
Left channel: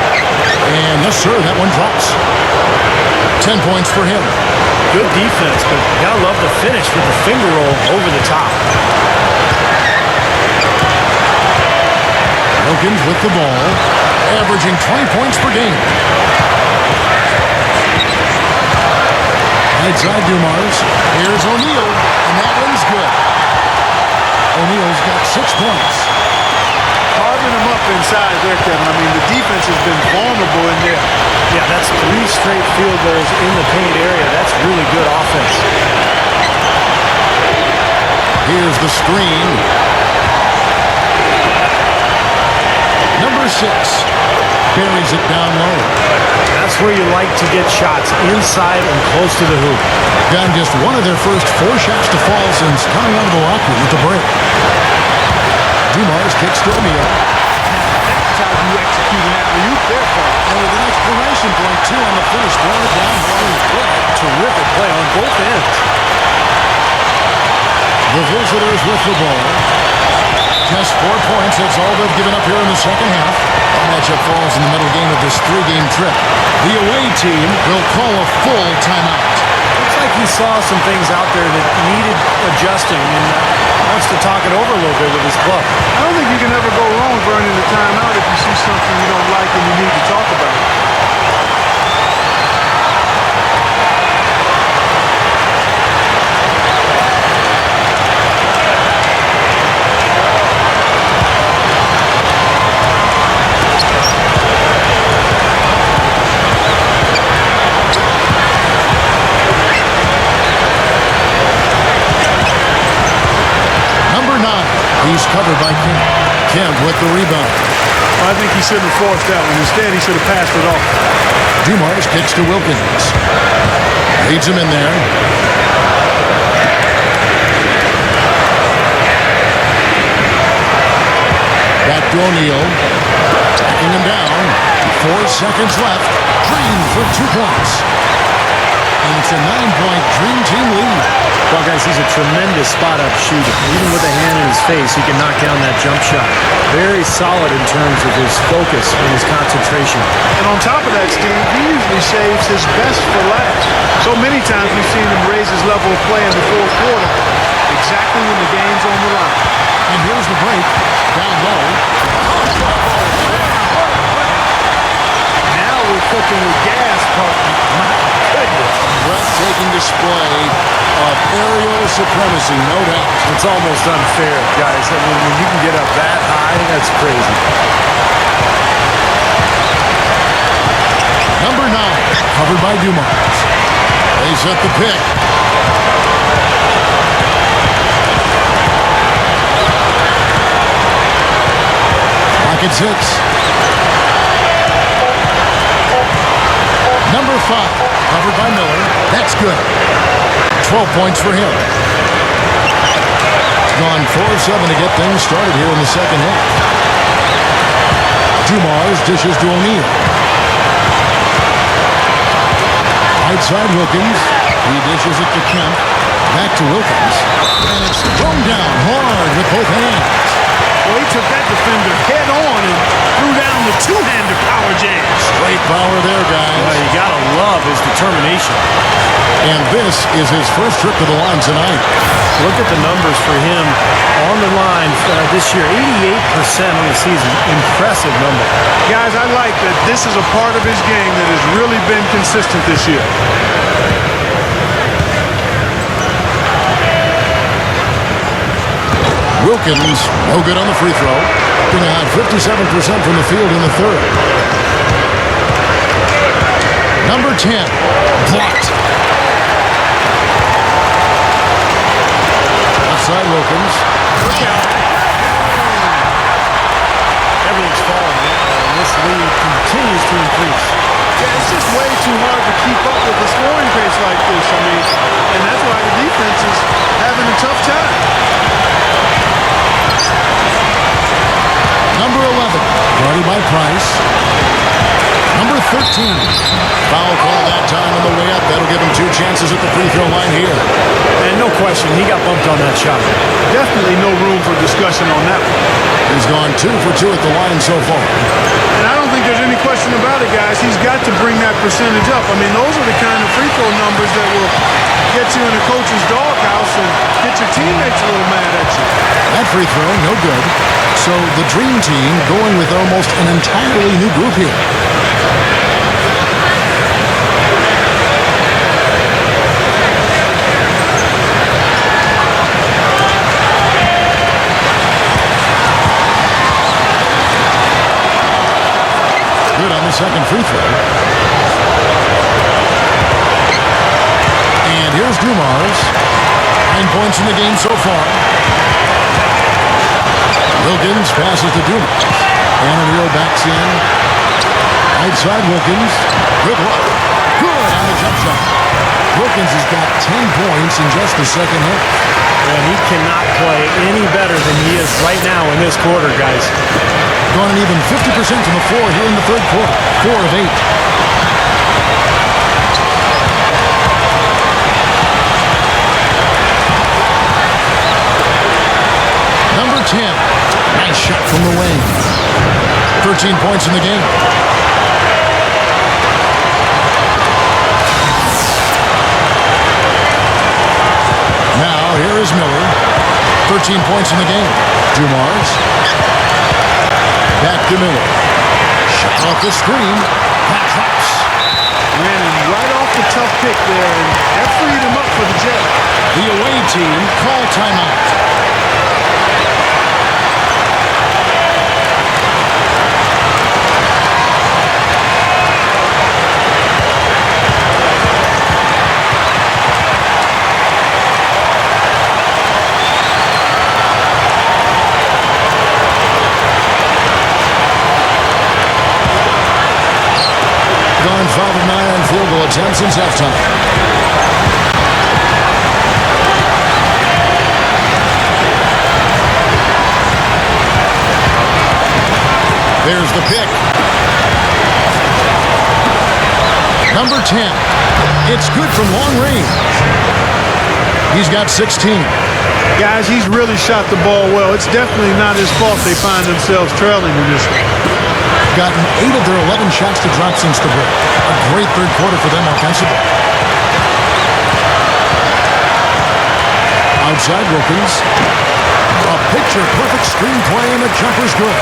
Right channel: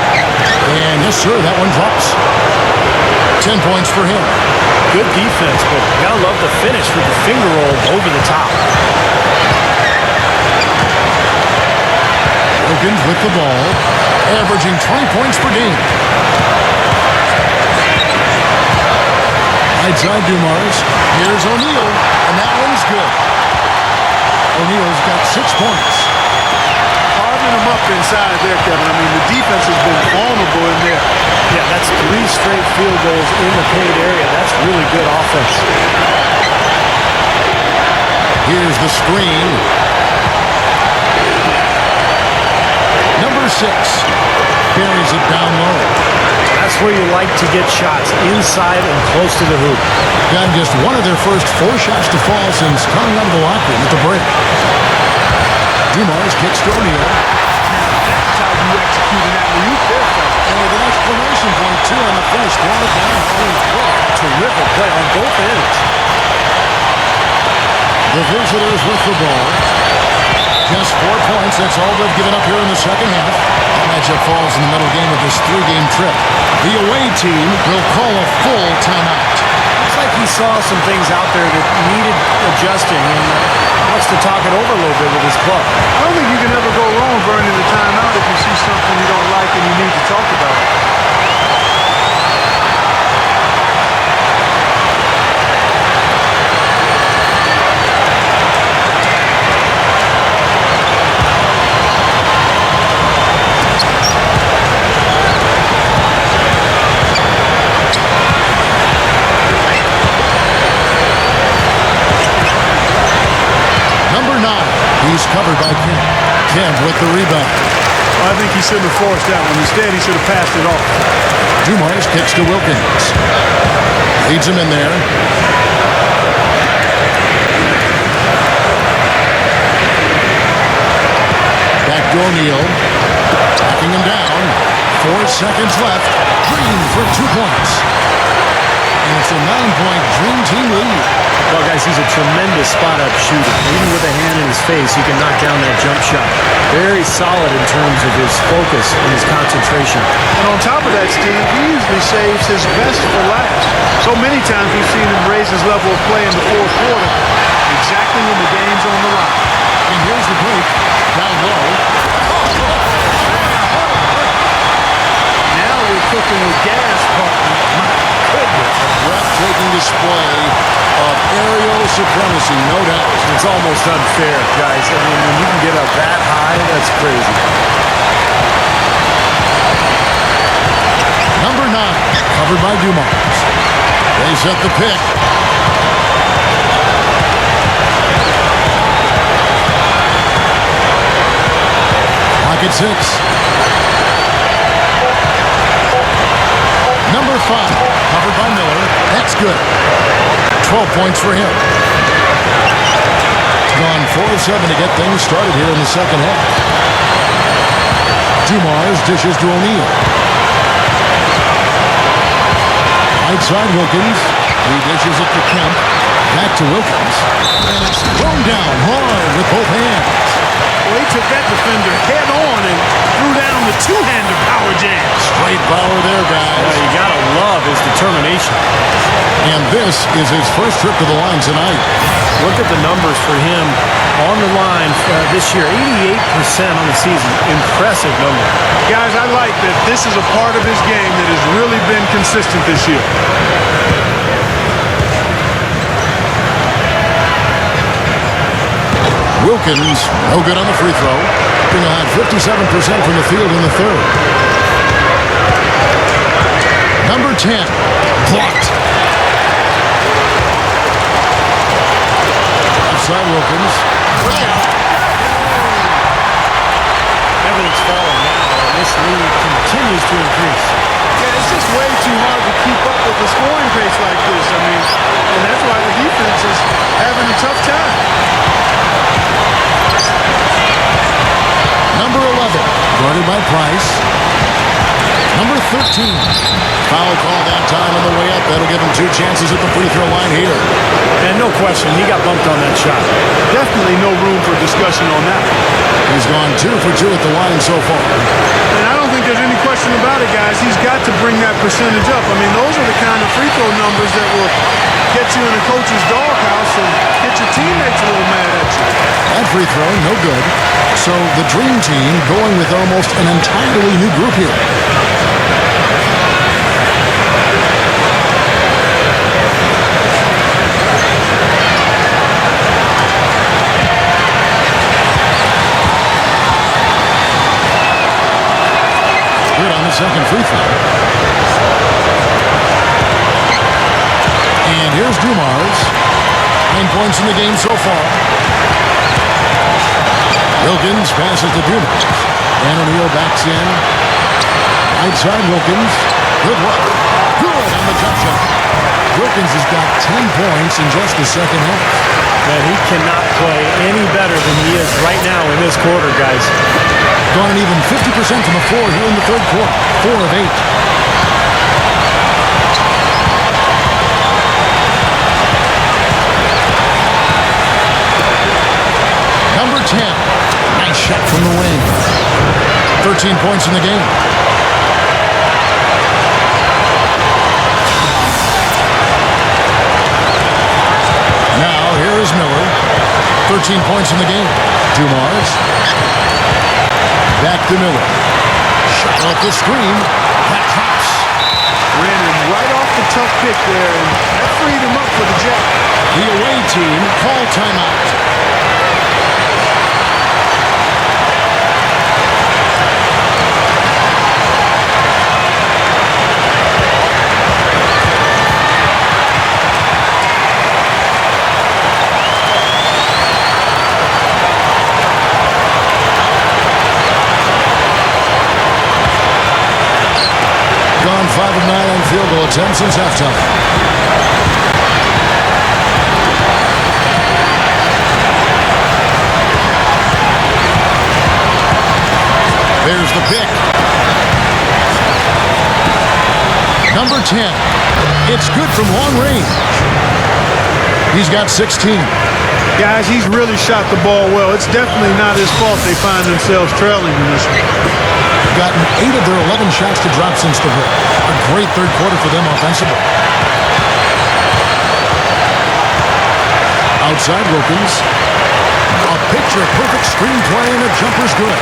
And yes, sir, that one drops. 10 points for him. Good defense, but you gotta love the finish with the finger roll over the top. Wilkins with the ball, averaging 20 points per game. Right side Dumars. Here's O'Neal, and that one's good. O'Neal's got 6 points. Carving them up inside there, Kevin. I mean, the defense has been vulnerable in there. Yeah, that's 3 straight field goals in the paint area. That's really good offense. Here's the screen. Number 6 buries it down low. That's where you like to get shots, inside and close to the hoop. Gotten just one of their first 4 shots to fall since coming out of the locker room at the break. Dumars kicks to O'Neal. Now that's how you execute an alley-oop there, fellas. And with an exclamation point, too, on the finish, throwing it down hard. What a terrific play on both ends. The visitors with the ball. Just 4 points. That's all they've given up here in the second half. That matchup falls in the middle game of this 3-game trip. The away team will call a full timeout. Looks like he saw some things out there that needed adjusting and wants to talk it over a little bit with his club. I don't think you can ever go wrong burning the timeout if you see something you don't like and you need to talk about it. Number 9, he's covered by Kemp. Kemp with the rebound. Well, I think he shouldn't have forced that one. Instead, he should have passed it off. Dumars kicks to Wilkins. Leads him in there. Back to O'Neal. Backing him down. 4 seconds left. Green for 2 points. And it's a 9-point Dream Team lead. Well, guys, he's a tremendous spot-up shooter. Even with a hand in his face, he can knock down that jump shot. Very solid in terms of his focus and his concentration. And on top of that, Steve, he usually saves his best for last. So many times we've seen him raise his level of play in the fourth quarter, exactly when the game's on the line. And here's the break. Down low. Now we're cooking with gas, partner. My goodness. A breathtaking display of aerial supremacy, no doubt. It's almost unfair, guys. I mean, when you can get up that high, that's crazy. Number 9, covered by Dumars. They set the pick. Clock at 6. Number 5, covered by Miller. That's good. 12 points for him. Gone 4 of 7 to get things started here in the second half. Dumars dishes to O'Neal. Right side Wilkins. He dishes it to Kemp. Back to Wilkins. And it's thrown down hard with both hands. Well, he took that defender head on and threw down the two-hander power jam. Straight power there, guys. Well, you got to love his determination. And this is his first trip to the line tonight. Look at the numbers for him on the line this year. 88% on the season. Impressive number. Guys, I like that this is a part of his game that has really been consistent this year. Wilkins, no good on the free throw. Being a hot 57% from the field in the third. Number 10, blocked. Offside Wilkins. Look out. Everything's falling now, and this lead continues to increase. Yeah, it's just way too hard to keep up with a scoring pace like this. I mean, and that's why the defense is having a tough time. Number 11, guarded by Price. Number 13, foul call that time on the way up. That'll give him 2 chances at the free throw line here. And no question, he got bumped on that shot. Definitely no room for discussion on that one. He's gone 2 for 2 at the line so far. And I don't think there's any question about it, guys. He's got to bring that percentage up. I mean, those are the kind of free throw numbers that will get you in a coach's doghouse and get your teammates a little mad at you. That free throw, no good. So the Dream Team going with almost an entirely new group here. Good on the second free throw. And here's Dumars. 9 points in the game so far. Wilkins passes to Dumars. And O'Neal backs in. Right side Wilkins. Good look. Good on the jump shot. Wilkins has got 10 points in just the second half. And he cannot play any better than he is right now in this quarter, guys. Gone an even 50% from the floor here in the third quarter. 4 of 8. Number 10. Nice shot from the wing. 13 points in the game. Now, here is Miller. 13 points in the game. Dumars. Back to Miller. Shot off the screen. That drops. Ran him right off the tough pick there, and that freed him up for the Jet. The away team call timeout. Gone 5 of 9 on field goal attempts since halftime. There's the pick. Number 10. It's good from long range. He's got 16. Guys, he's really shot the ball well. It's definitely not his fault they find themselves trailing in this one. Gotten 8 of their 11 shots to drop since the break. A great third quarter for them offensively. Outside Wilkins. A picture-perfect screenplay, and the jumper's good.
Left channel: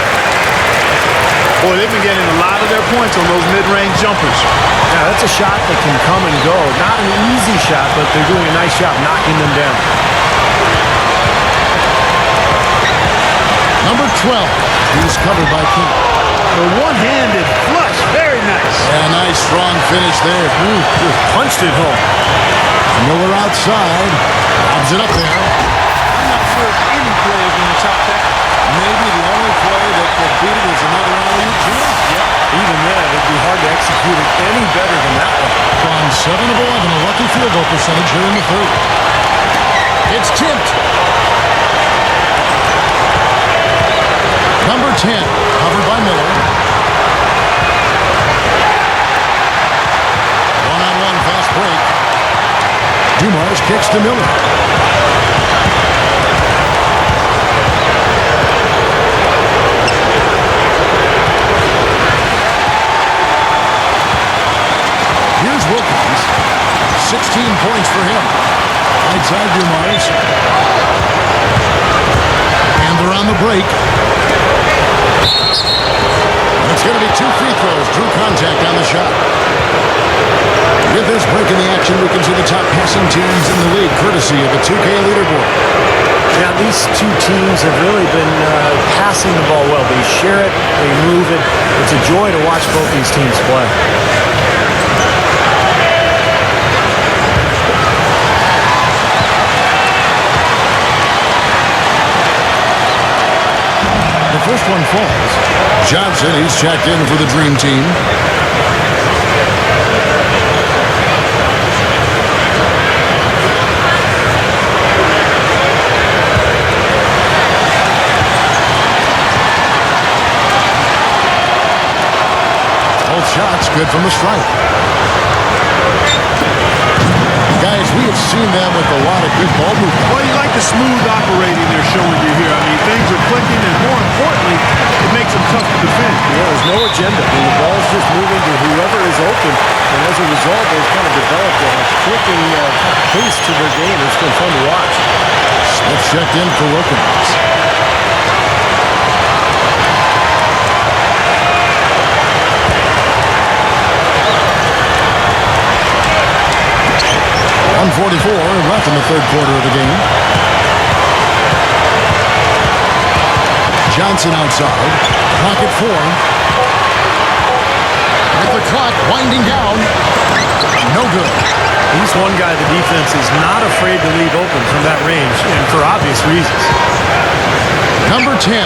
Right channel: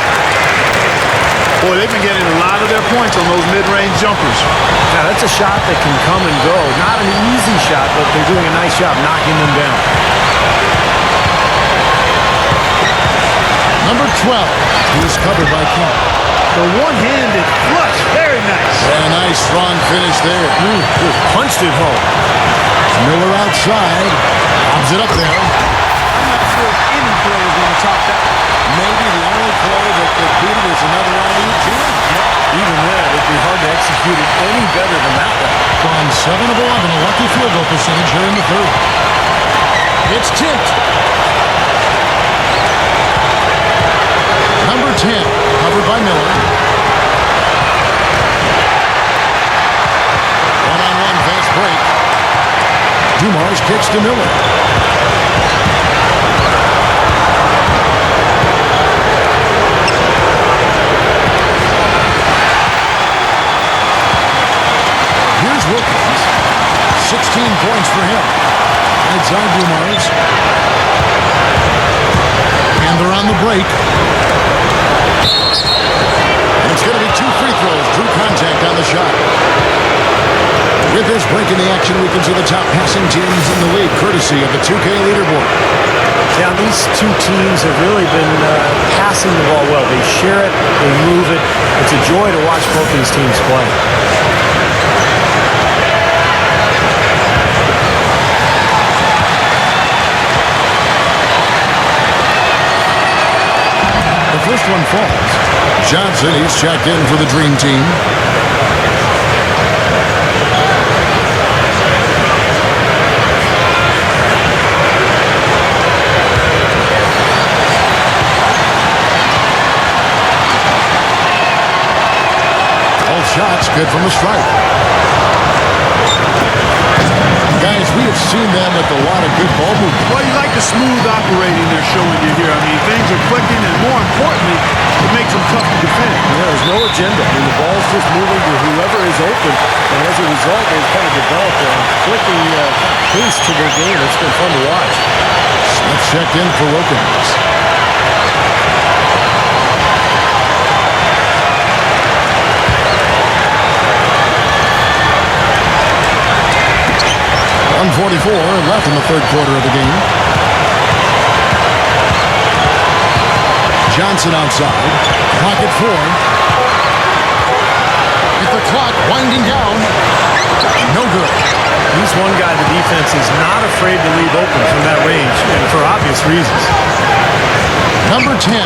Boy, they've been getting a lot of their points on those mid-range jumpers. Yeah, that's a shot that can come and go. Not an easy shot, but they're doing a nice job knocking them down. Number 12. He's covered by Kemp. The one-handed flush, very nice. Yeah, nice strong finish there. Just punched it home. Miller outside. Lobs it up there. I'm not sure if any play is going to top that. Maybe the only play that could beat it is another alley-oop jam. Yep. Even then, it'd be hard to execute it any better than that one. Gone 7 of 11, a lucky field goal percentage here in the third. It's tipped. Number 10, covered by Miller. One-on-one fast break. Dumars kicks to Miller. Here's Wilkins. 16 points for him. Right side Dumars. And they're on the break. And it's going to be 2 free throws. Drew contact on the shot. With this break in the action, we can see the top passing teams in the league, courtesy of the 2K leaderboard. Yeah, these two teams have really been passing the ball well. They share it, they move it. It's a joy to watch both these teams play. The first one falls. Johnson, he's checked in for the Dream Team. Both shots good from the stripe. Guys, we have seen them with a lot of good ball movement. Well, you like the smooth operating they're showing you here. I mean, things are clicking, and more importantly, it makes them tough to defend. Yeah, there's no agenda. I mean, the ball's just moving to whoever is open, and as a result, they've kind of developed a clicking kind of pace to their game. It's been fun to watch. Smith checked in for Wilkins. .144 left in the third quarter of the game. Johnson outside. Clock at 4. With the clock winding down. No good. He's one guy the defense is not afraid to leave open from that range, and for obvious reasons. Number 10.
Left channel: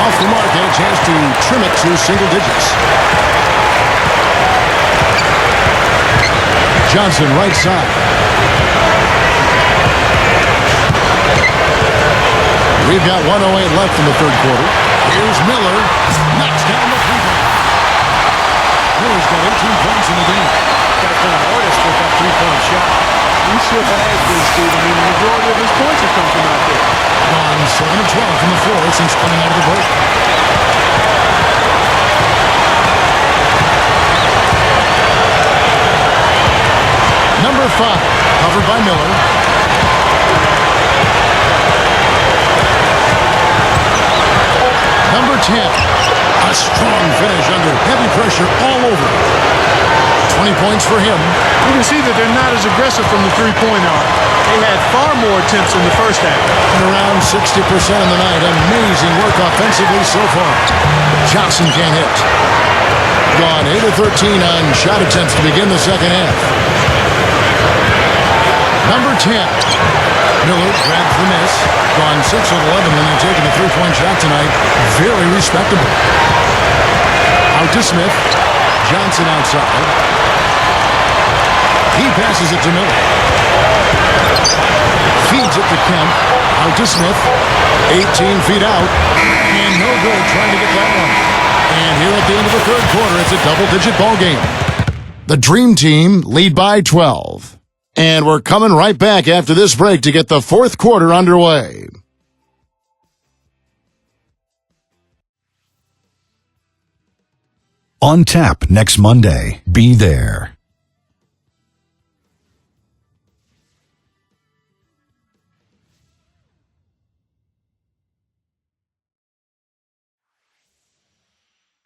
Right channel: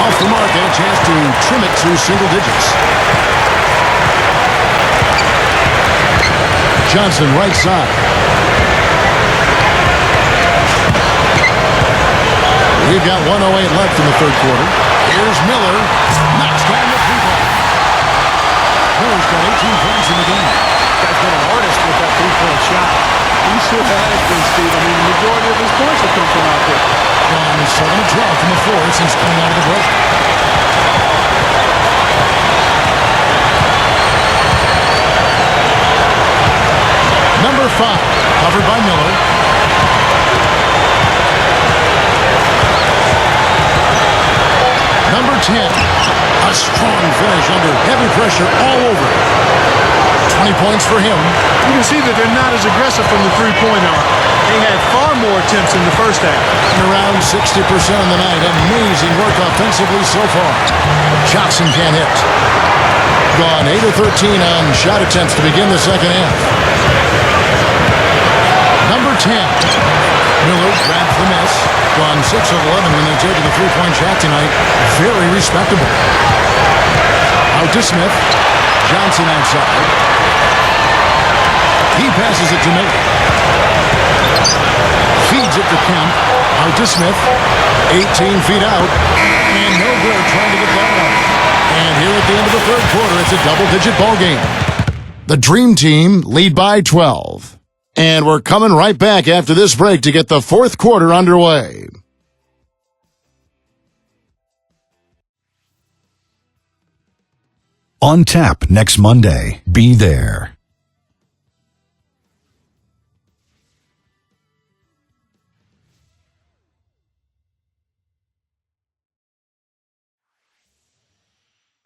Off the mark and a chance to trim it to single digits. Johnson right side. We've got 1:08 left in the third quarter. Here's Miller. Knocks down the three-ball. Miller's got 18 points in the game. Guy's been an artist with that three-point shot. He sure has been, Steve. I mean, the majority of his points have come from out there. Gone 7 of 12 from the floor since coming out of the break. Number 5, covered by Miller. Number 10, a strong finish under heavy pressure all over. 20 points for him. You can see that they're not as aggressive from the three-point arc. They had far more attempts in the first half. And around 60% of the night. Amazing work offensively so far. Johnson can't hit. Gone 8 of 13 on shot attempts to begin the second half. Number 10. Miller grabs the miss. Gone 6 of 11 when they're taking the three-point shot tonight. Very respectable. Out to Smith. Johnson outside. He passes it to Miller. Feeds it to Kemp. Out to Smith. 18 feet out. And no good trying to get that one. And here at the end of the third quarter, it's a double-digit ball game. The Dream Team lead by 12. And we're coming right back after this break to get the fourth quarter underway. On tap next Monday. Be there.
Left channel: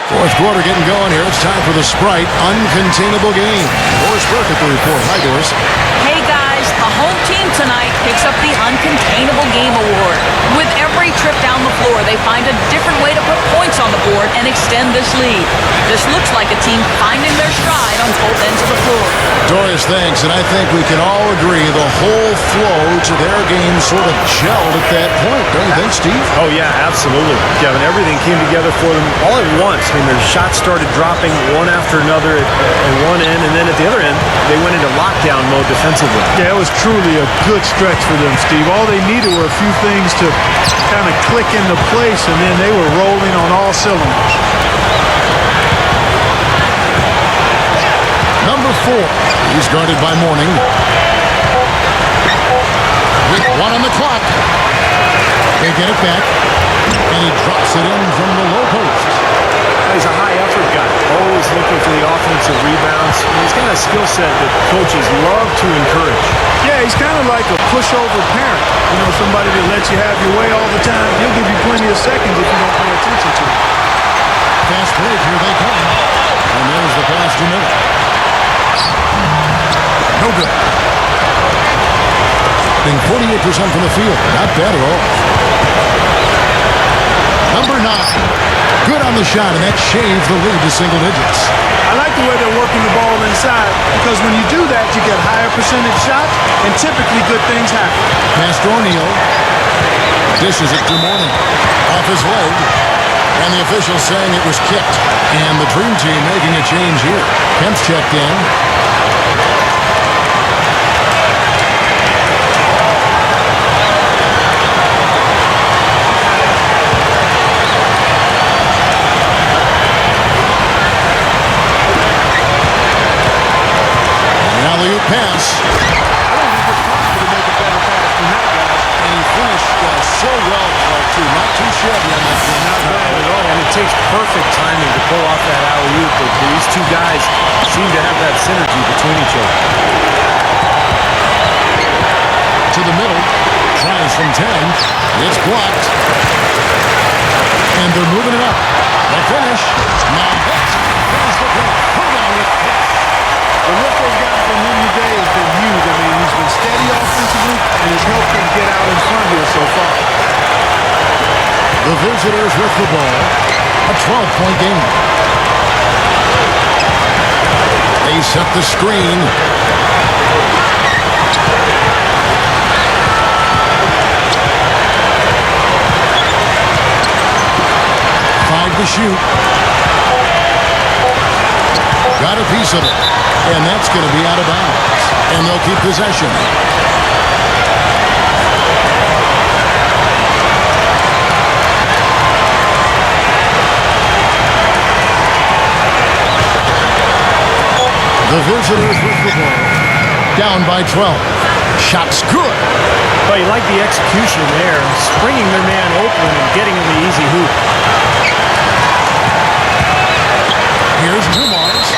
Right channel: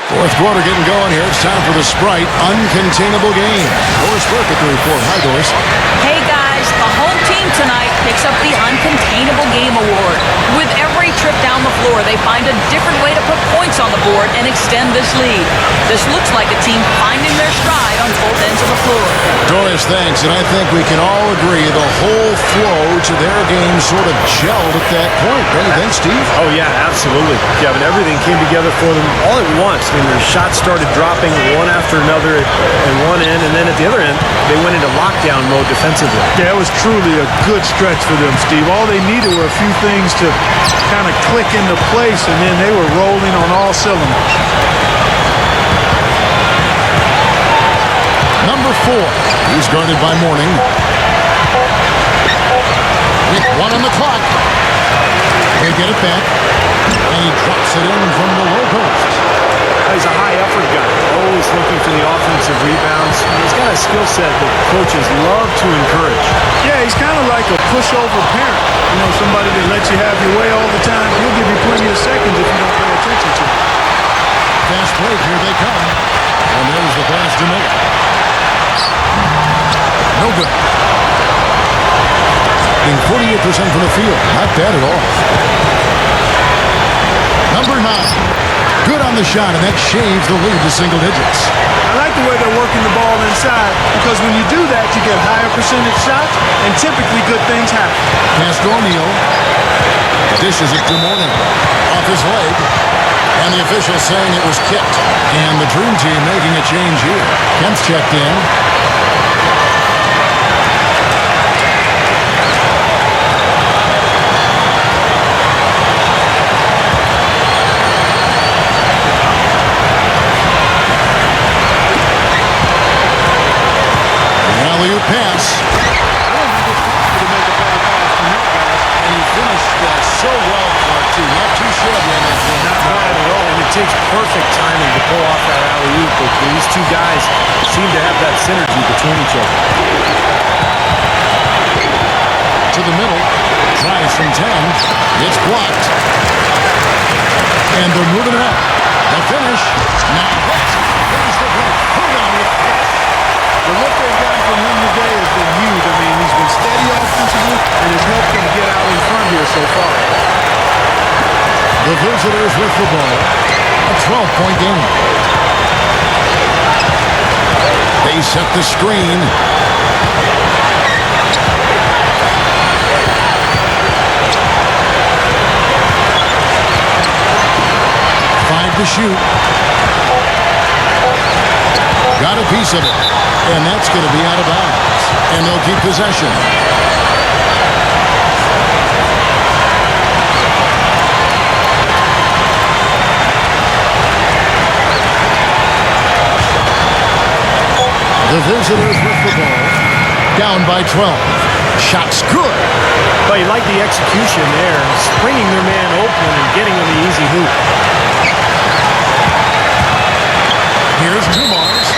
Fourth quarter getting going here. It's time for the Sprite Uncontainable Game. Doris Burke with the report. Hi, Doris. Hey guys, the home team tonight picks up the Uncontainable Game Award. With every trip down the floor, they find a different way to put points on the board and extend this lead. This looks like a team finding their stride on both ends of the floor. Doris, thanks. And I think we can all agree the whole flow to their game sort of gelled at that point. Don't you think, Steve? Oh, yeah, absolutely, Kevin. Everything came together for them all at once. I mean, their shots started dropping one after another at one end, and then at the other end, they went into lockdown mode defensively. Yeah, it was truly a good stretch for them, Steve. All they needed were a few things to kind of click into place, and then they were rolling on all cylinders. Number 4. He's guarded by Mourning. With 1 on the clock. They get it back. And he drops it in from the low post. He's a high-effort guy, always looking for the offensive rebounds. He's got a skill set that coaches love to encourage. Yeah, he's kind of like a pushover parent. You know, somebody that lets you have your way all the time. He'll give you plenty of seconds if you don't pay attention to him. Fast break, here they come. And there's the pass to Miller. No good. Shooting 48% from the field. Not bad at all. Number 9. Good on the shot, and that shaves the lead to single digits. I like the way they're working the ball inside, because when you do that, you get higher percentage shots, and typically good things happen. Pass to O'Neal. Dishes it to Mourning. Off his leg. And the official saying it was kicked. And the Dream Team making a change here. Kemp's checked in. Alley-oop pass. I don't think it's possible to make a better pass than that, guys. And he finished so well, Clark, too. Not too shabby on that game. Not bad at all. And it takes perfect timing to pull off that alley-oop, but these two guys seem to have that synergy between each other. To the middle. Tries from 10. It's blocked. And they're moving it up. The finish. Now that's finish the break. Throw down with this. The lift they've gotten from him today has been huge. I mean, he's been steady offensively and has helped them get out in front here so far. The visitors with the ball. A 12-point game. They set the screen. Five to shoot. Got a piece of it. And that's going to be out of bounds. And they'll keep possession. The visitors with the ball. Down by 12. Shot's good. But you like the execution there, springing their man open and getting him the easy hoop. Here's Dumars.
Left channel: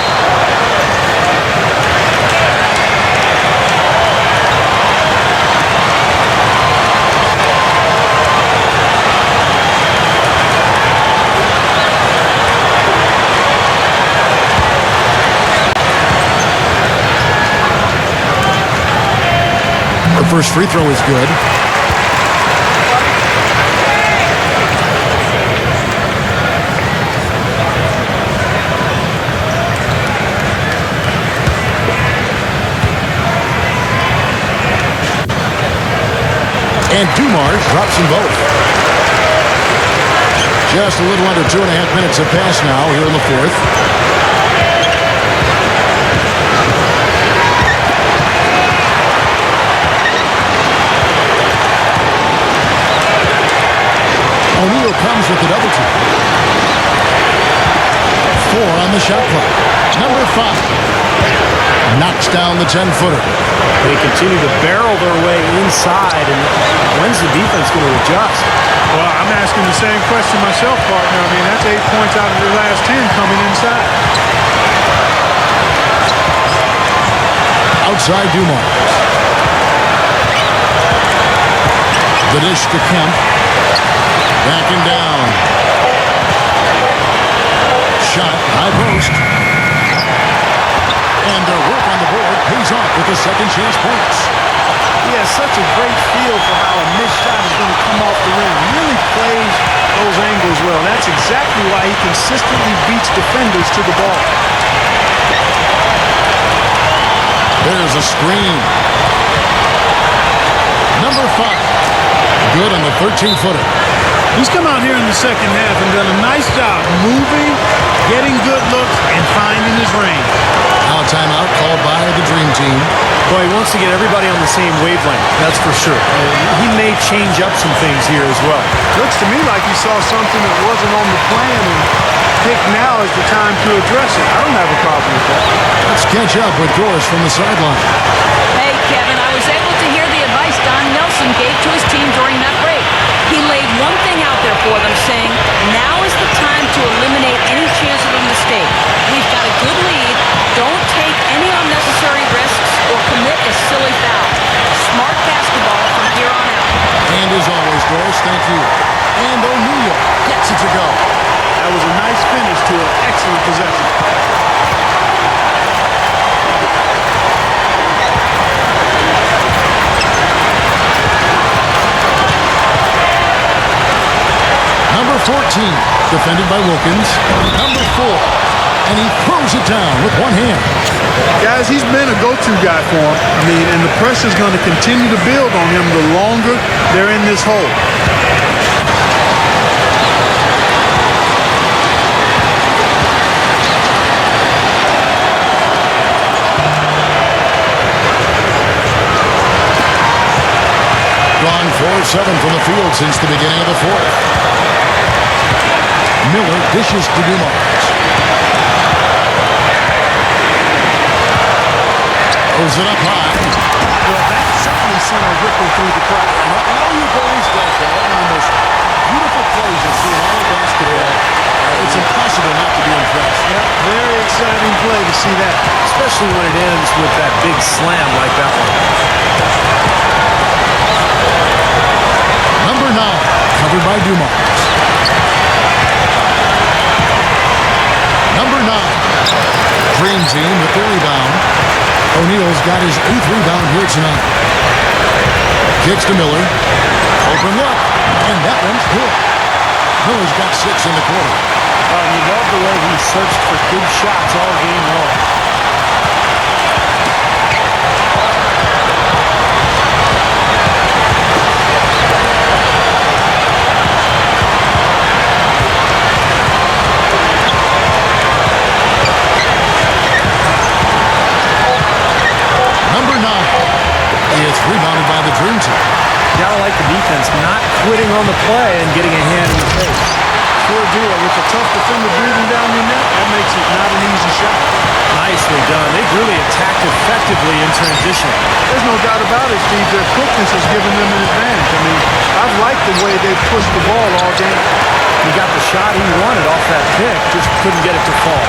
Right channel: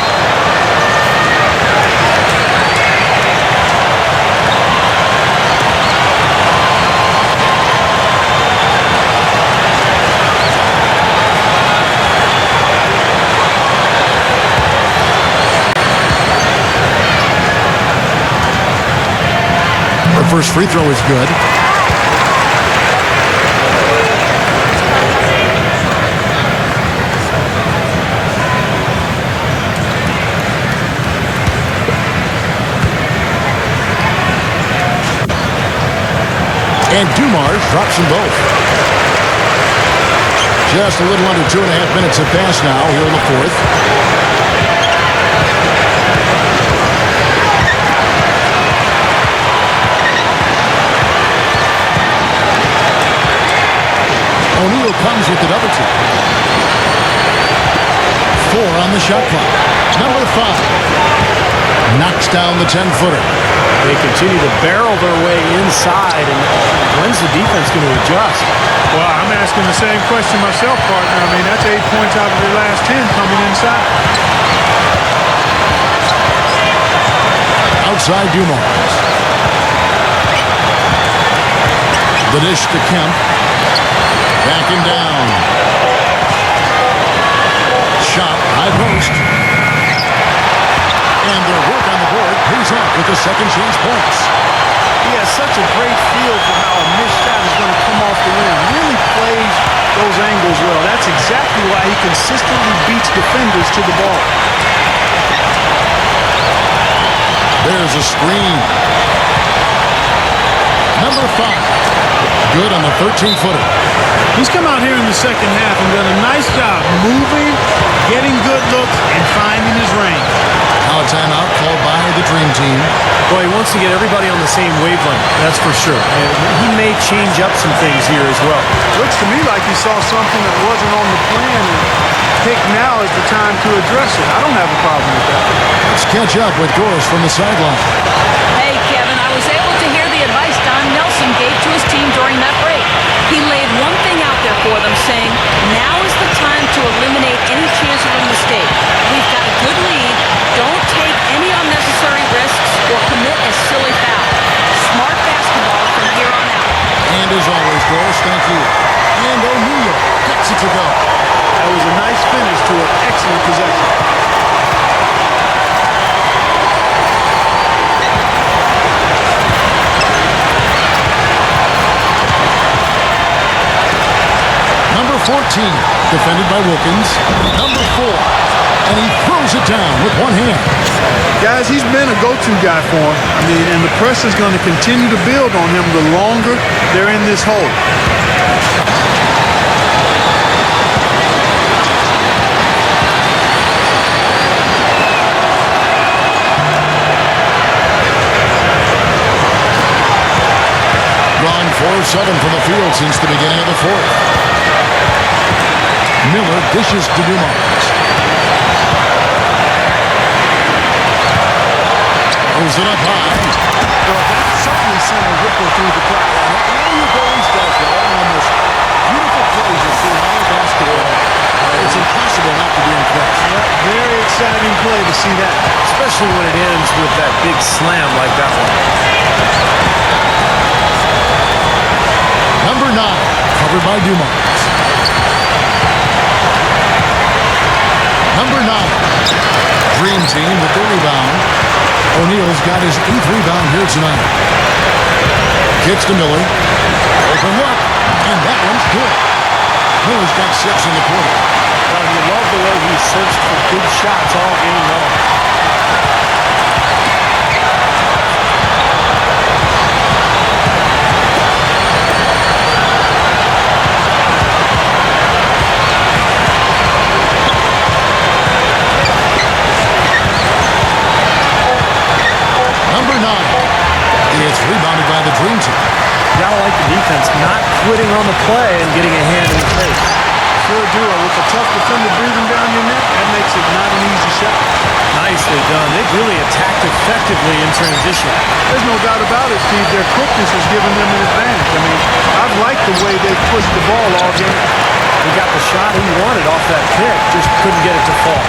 The first free throw is good. And Dumars drops them both. Just a little under 2.5 minutes have passed now here in the fourth. O'Neal comes with the double team. 4 on the shot clock. Number 5 knocks down the 10-footer. They continue to barrel their way inside, and when's the defense going to adjust? Well, I'm asking the same question myself, partner. I mean, that's 8 points out of their last 10 coming inside. Outside Dumars. The dish to Kemp. Backing down. Shot, high post. And their work on the board pays off with the second chance points. He has such a great feel for how a missed shot is going to come off the rim. Really plays those angles well. That's exactly why he consistently beats defenders to the ball. There's a screen. Number 5. Good on the 13-footer. He's come out here in the second half and done a nice job moving, getting good looks, and finding his range. Now a timeout called by the Dream Team. Well, he wants to get everybody on the same wavelength, that's for sure. He may change up some things here as well. Looks to me like he saw something that wasn't on the plan and picked now as the time to address it. I don't have a problem with that. Let's catch up with Doris from the sideline. Hey, Kevin, I was able to hear the advice Don Nelson gave to his team during that break. He laid one thing out there for them, saying, now is the time to eliminate any chance of a mistake. We've got a good lead. Don't take any unnecessary risks or commit a silly foul. Smart basketball from here on out. And as always, Doris, thank you. And O'Neal gets it to go. That was a nice finish to an excellent possession. Number 14, defended by Wilkins. Number 4, and he throws it down with one hand. Guys, he's been a go-to guy for him. I mean, and the pressure's going to continue to build on him the longer they're in this hole. Gone 4 of 7 from the field since the beginning of the fourth. Miller dishes to Dumars. Throws it up high. Well, that certainly sent a ripple through the crowd. And all you boys does that. One of the most beautiful plays you'll see in all of basketball. It's impossible not to be impressed. Yep, very exciting play to see that. Especially when it ends with that big slam like that one. Number 9, covered by Dumars. Number 9, Dream Team with the rebound. O'Neal's got his 8th rebound here tonight. Kicks to Miller. Open look, and that one's good. Miller's got 6 in the quarter. Well, you love the way he searched for good shots all game long. Number 9. It's rebounded by the Dream Team. Gotta like the defense not quitting on the play and getting a hand in the face. Sure do it. With a tough defender breathing down your neck, that makes it not an easy shot. Nicely done. They've really attacked effectively in transition. There's no doubt about it, Steve. Their quickness has given them an advantage. I mean, I've liked the way they've pushed the ball all game. He got the shot he wanted off that pick, just couldn't get it to fall.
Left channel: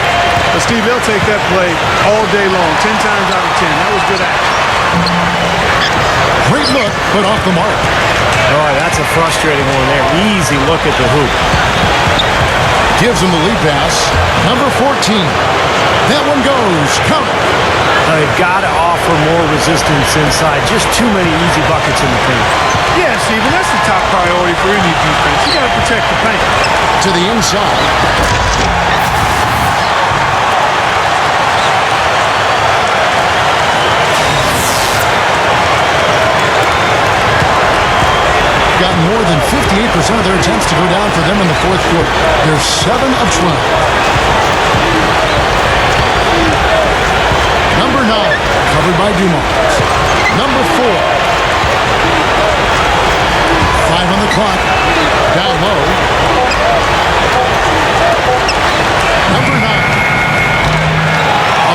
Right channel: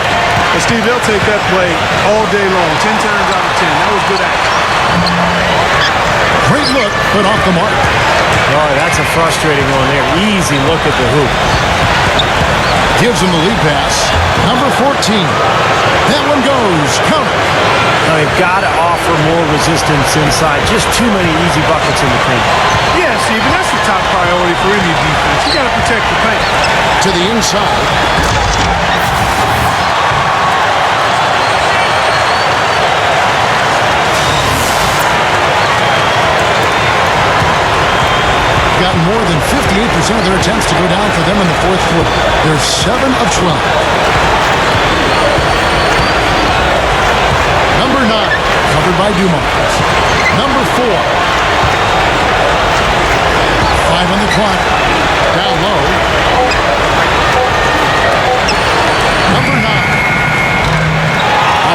But, Steve, they'll take that play all day long, 10 times out of 10. That was good action. Great look, but off the mark. Oh, that's a frustrating one there. Easy look at the hoop. Gives him the lead pass. Number 14. That one goes. Count it. Now, they've got to offer more resistance inside. Just too many easy buckets in the paint. Yeah, Steve, and that's the top priority for any defense. You got to protect the paint. To the inside. Gotten more than 58% of their attempts to go down for them in the fourth quarter. They're 7 of 12. Number 9, covered by Dumars. Number 4. 5 on the clock. Down low. Number 9.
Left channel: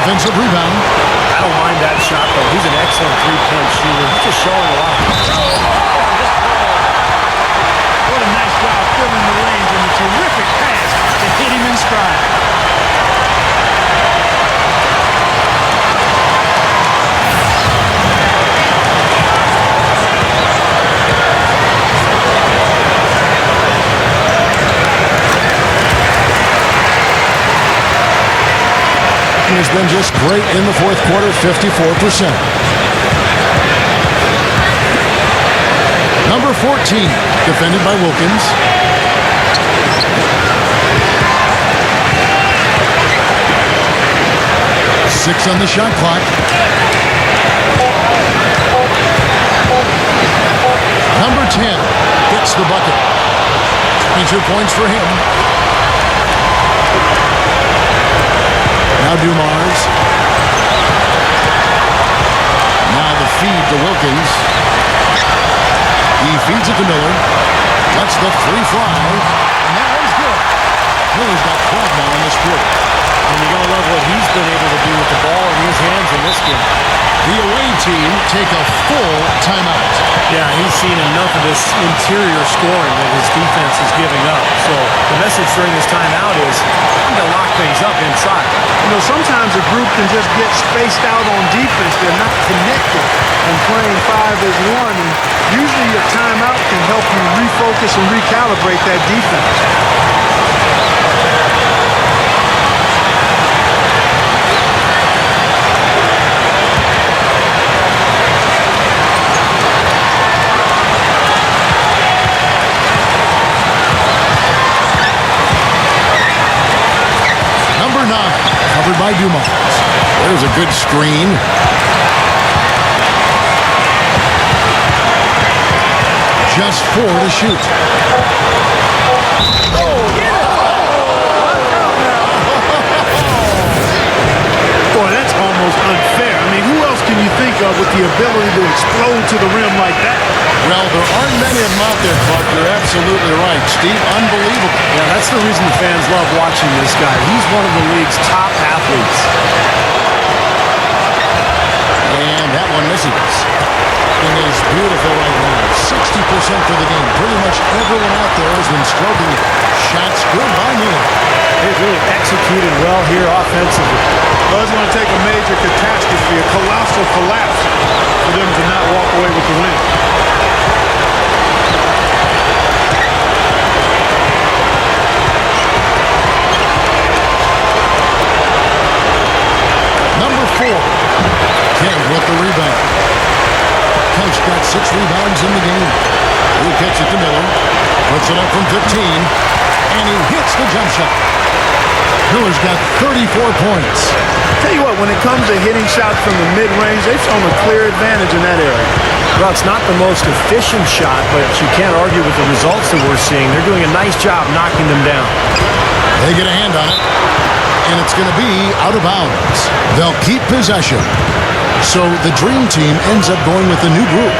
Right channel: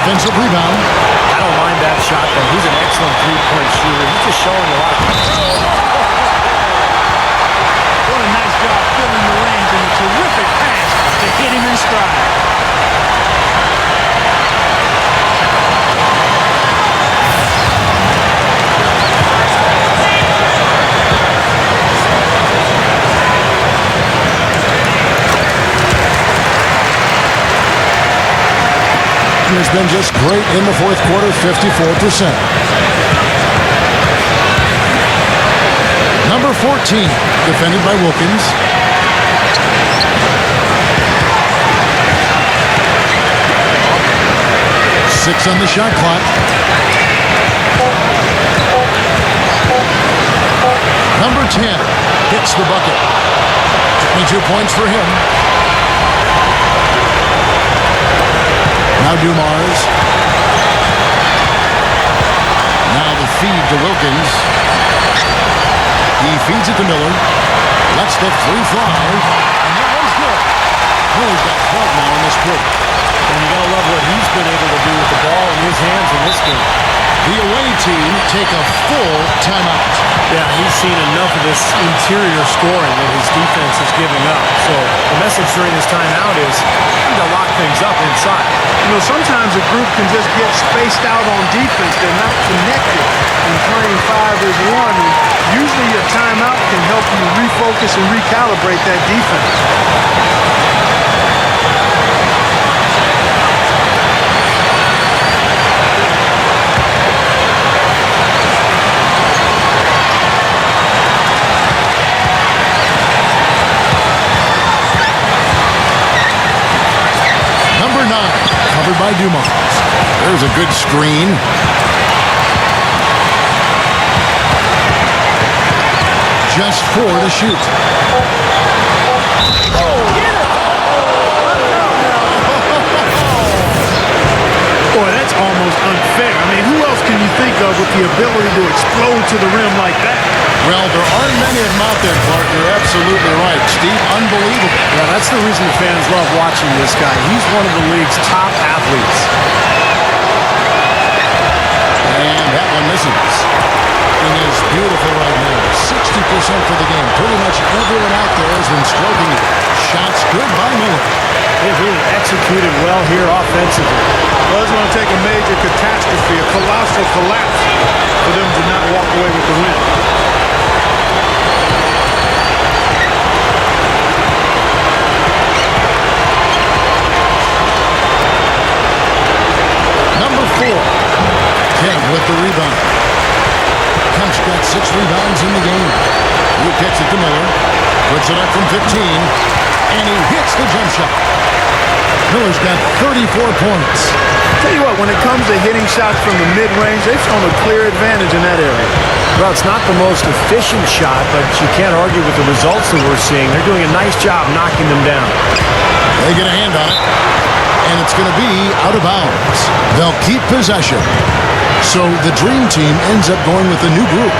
Offensive rebound. I don't mind that shot, though. He's an excellent three-point shooter. He's just showing a lot of... What a nice job filling the lanes and a terrific pass to hit him in stride. Has been just great in the fourth quarter, 54%. Number 14, defended by Wilkins. Six on the shot clock. Number 10 gets the bucket. 22 points for him. Now Dumars. Now the feed to Wilkins. He feeds it to Miller. Lets the free fly. And that one's good. Miller's got 12 now in this quarter. And you got to love what he's been able to do with the ball in his hands in this game. The away team take a full timeout. Yeah, he's seen enough of this interior scoring that his defense is giving up. So the message during this timeout is time to lock things up inside. You know, sometimes a group can just get spaced out on defense. They're not connected and playing 5 as 1. And usually a timeout can help you refocus and recalibrate that defense. Number 9, covered by Dumars. There's a good screen. Just 4 to shoot. Oh, get it! Watch out now. Boy, that's almost unfair. I mean, who else can you think of with the ability to explode to the rim like that? Well, there aren't many of them out there, Clark. You're absolutely right. Steve, unbelievable. Yeah, that's the reason the fans love watching this guy. He's one of the league's top athletes. And that one misses. It is beautiful right now. 60% for the game. Pretty much everyone out there has been stroking it. Shots good by Miller. They've really executed well here offensively. Well, it's going to take a major catastrophe, a colossal collapse, for them to not walk away with the win. Number 4, Kev with the rebound. Kemp's got 6 rebounds in the game. He kicks it to Miller. Puts it up from 15. And he hits the jump shot. Miller's got 34 points. Tell you what, when it comes to hitting shots from the mid-range, they've shown a clear advantage in that area. Well, it's not the most efficient shot, but you can't argue with the results that we're seeing. They're doing a nice job knocking them down. They get a hand on it. And it's going to be out of bounds. They'll keep possession. So the Dream Team ends up going with a new group.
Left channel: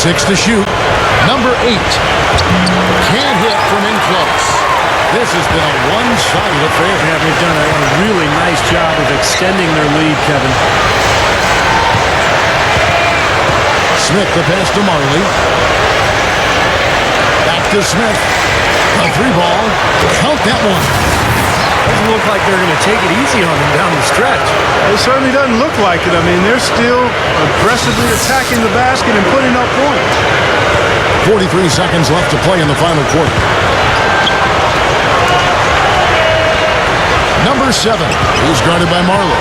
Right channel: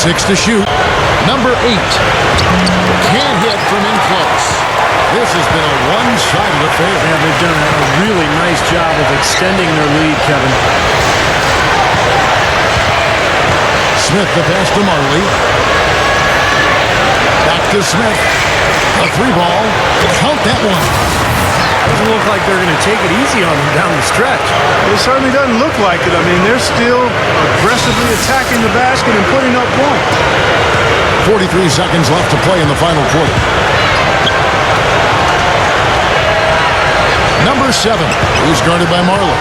6 to shoot. Number 8. Can't hit from in close. This has been a one-sided affair. Yeah, they've done a really nice job of extending their lead, Kevin. Smith the pass to Marley. Back to Smith. A 3-ball. Count that one. Doesn't look like they're going to take it easy on them down the stretch. It certainly doesn't look like it. I mean, they're still aggressively attacking the basket and putting up points. 43 seconds left to play in the final quarter. Number 7. He's guarded by Marley.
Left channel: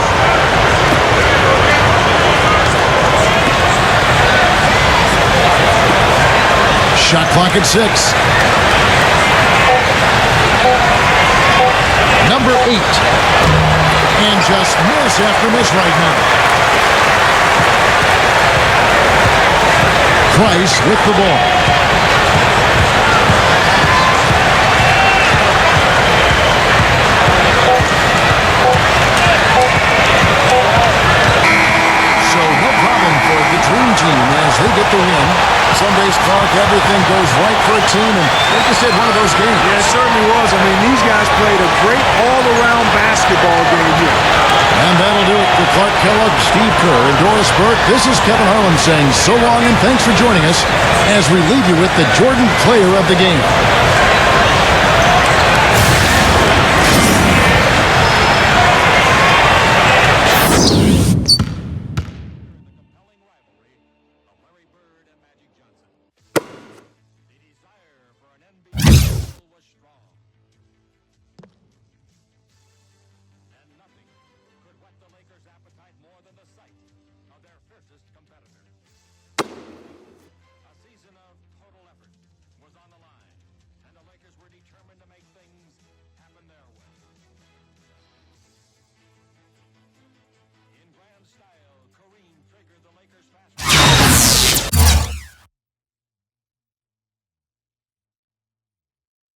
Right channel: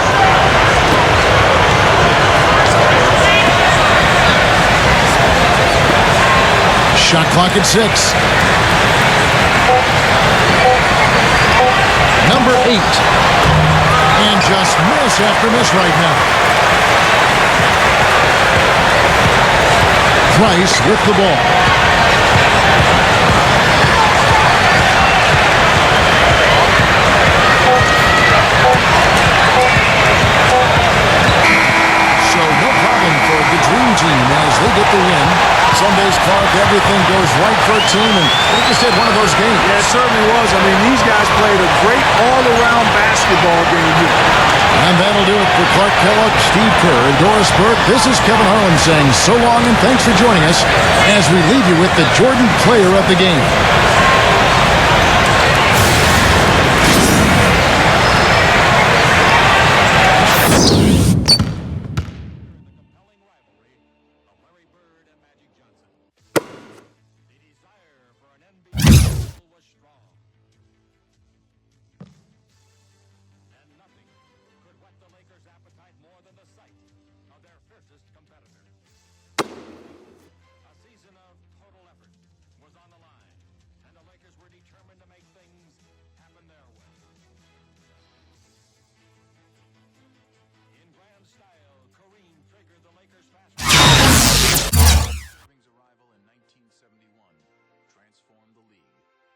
Shot clock at 6. Number 8. And just miss after miss right now. Price with the ball. So no problem for the Dream Team as they get the win. Some days, Clark, everything goes right for a team, and they just had one of those games. Yeah, it certainly was. I mean, these guys played a great all-around basketball game here. And that'll do it for Clark Kellogg, Steve Kerr, and Doris Burke. This is Kevin Harlan saying so long and thanks for joining us as we leave you with the Jordan Player of the Game. Was on the line, and the Lakers were determined to make things happen their way.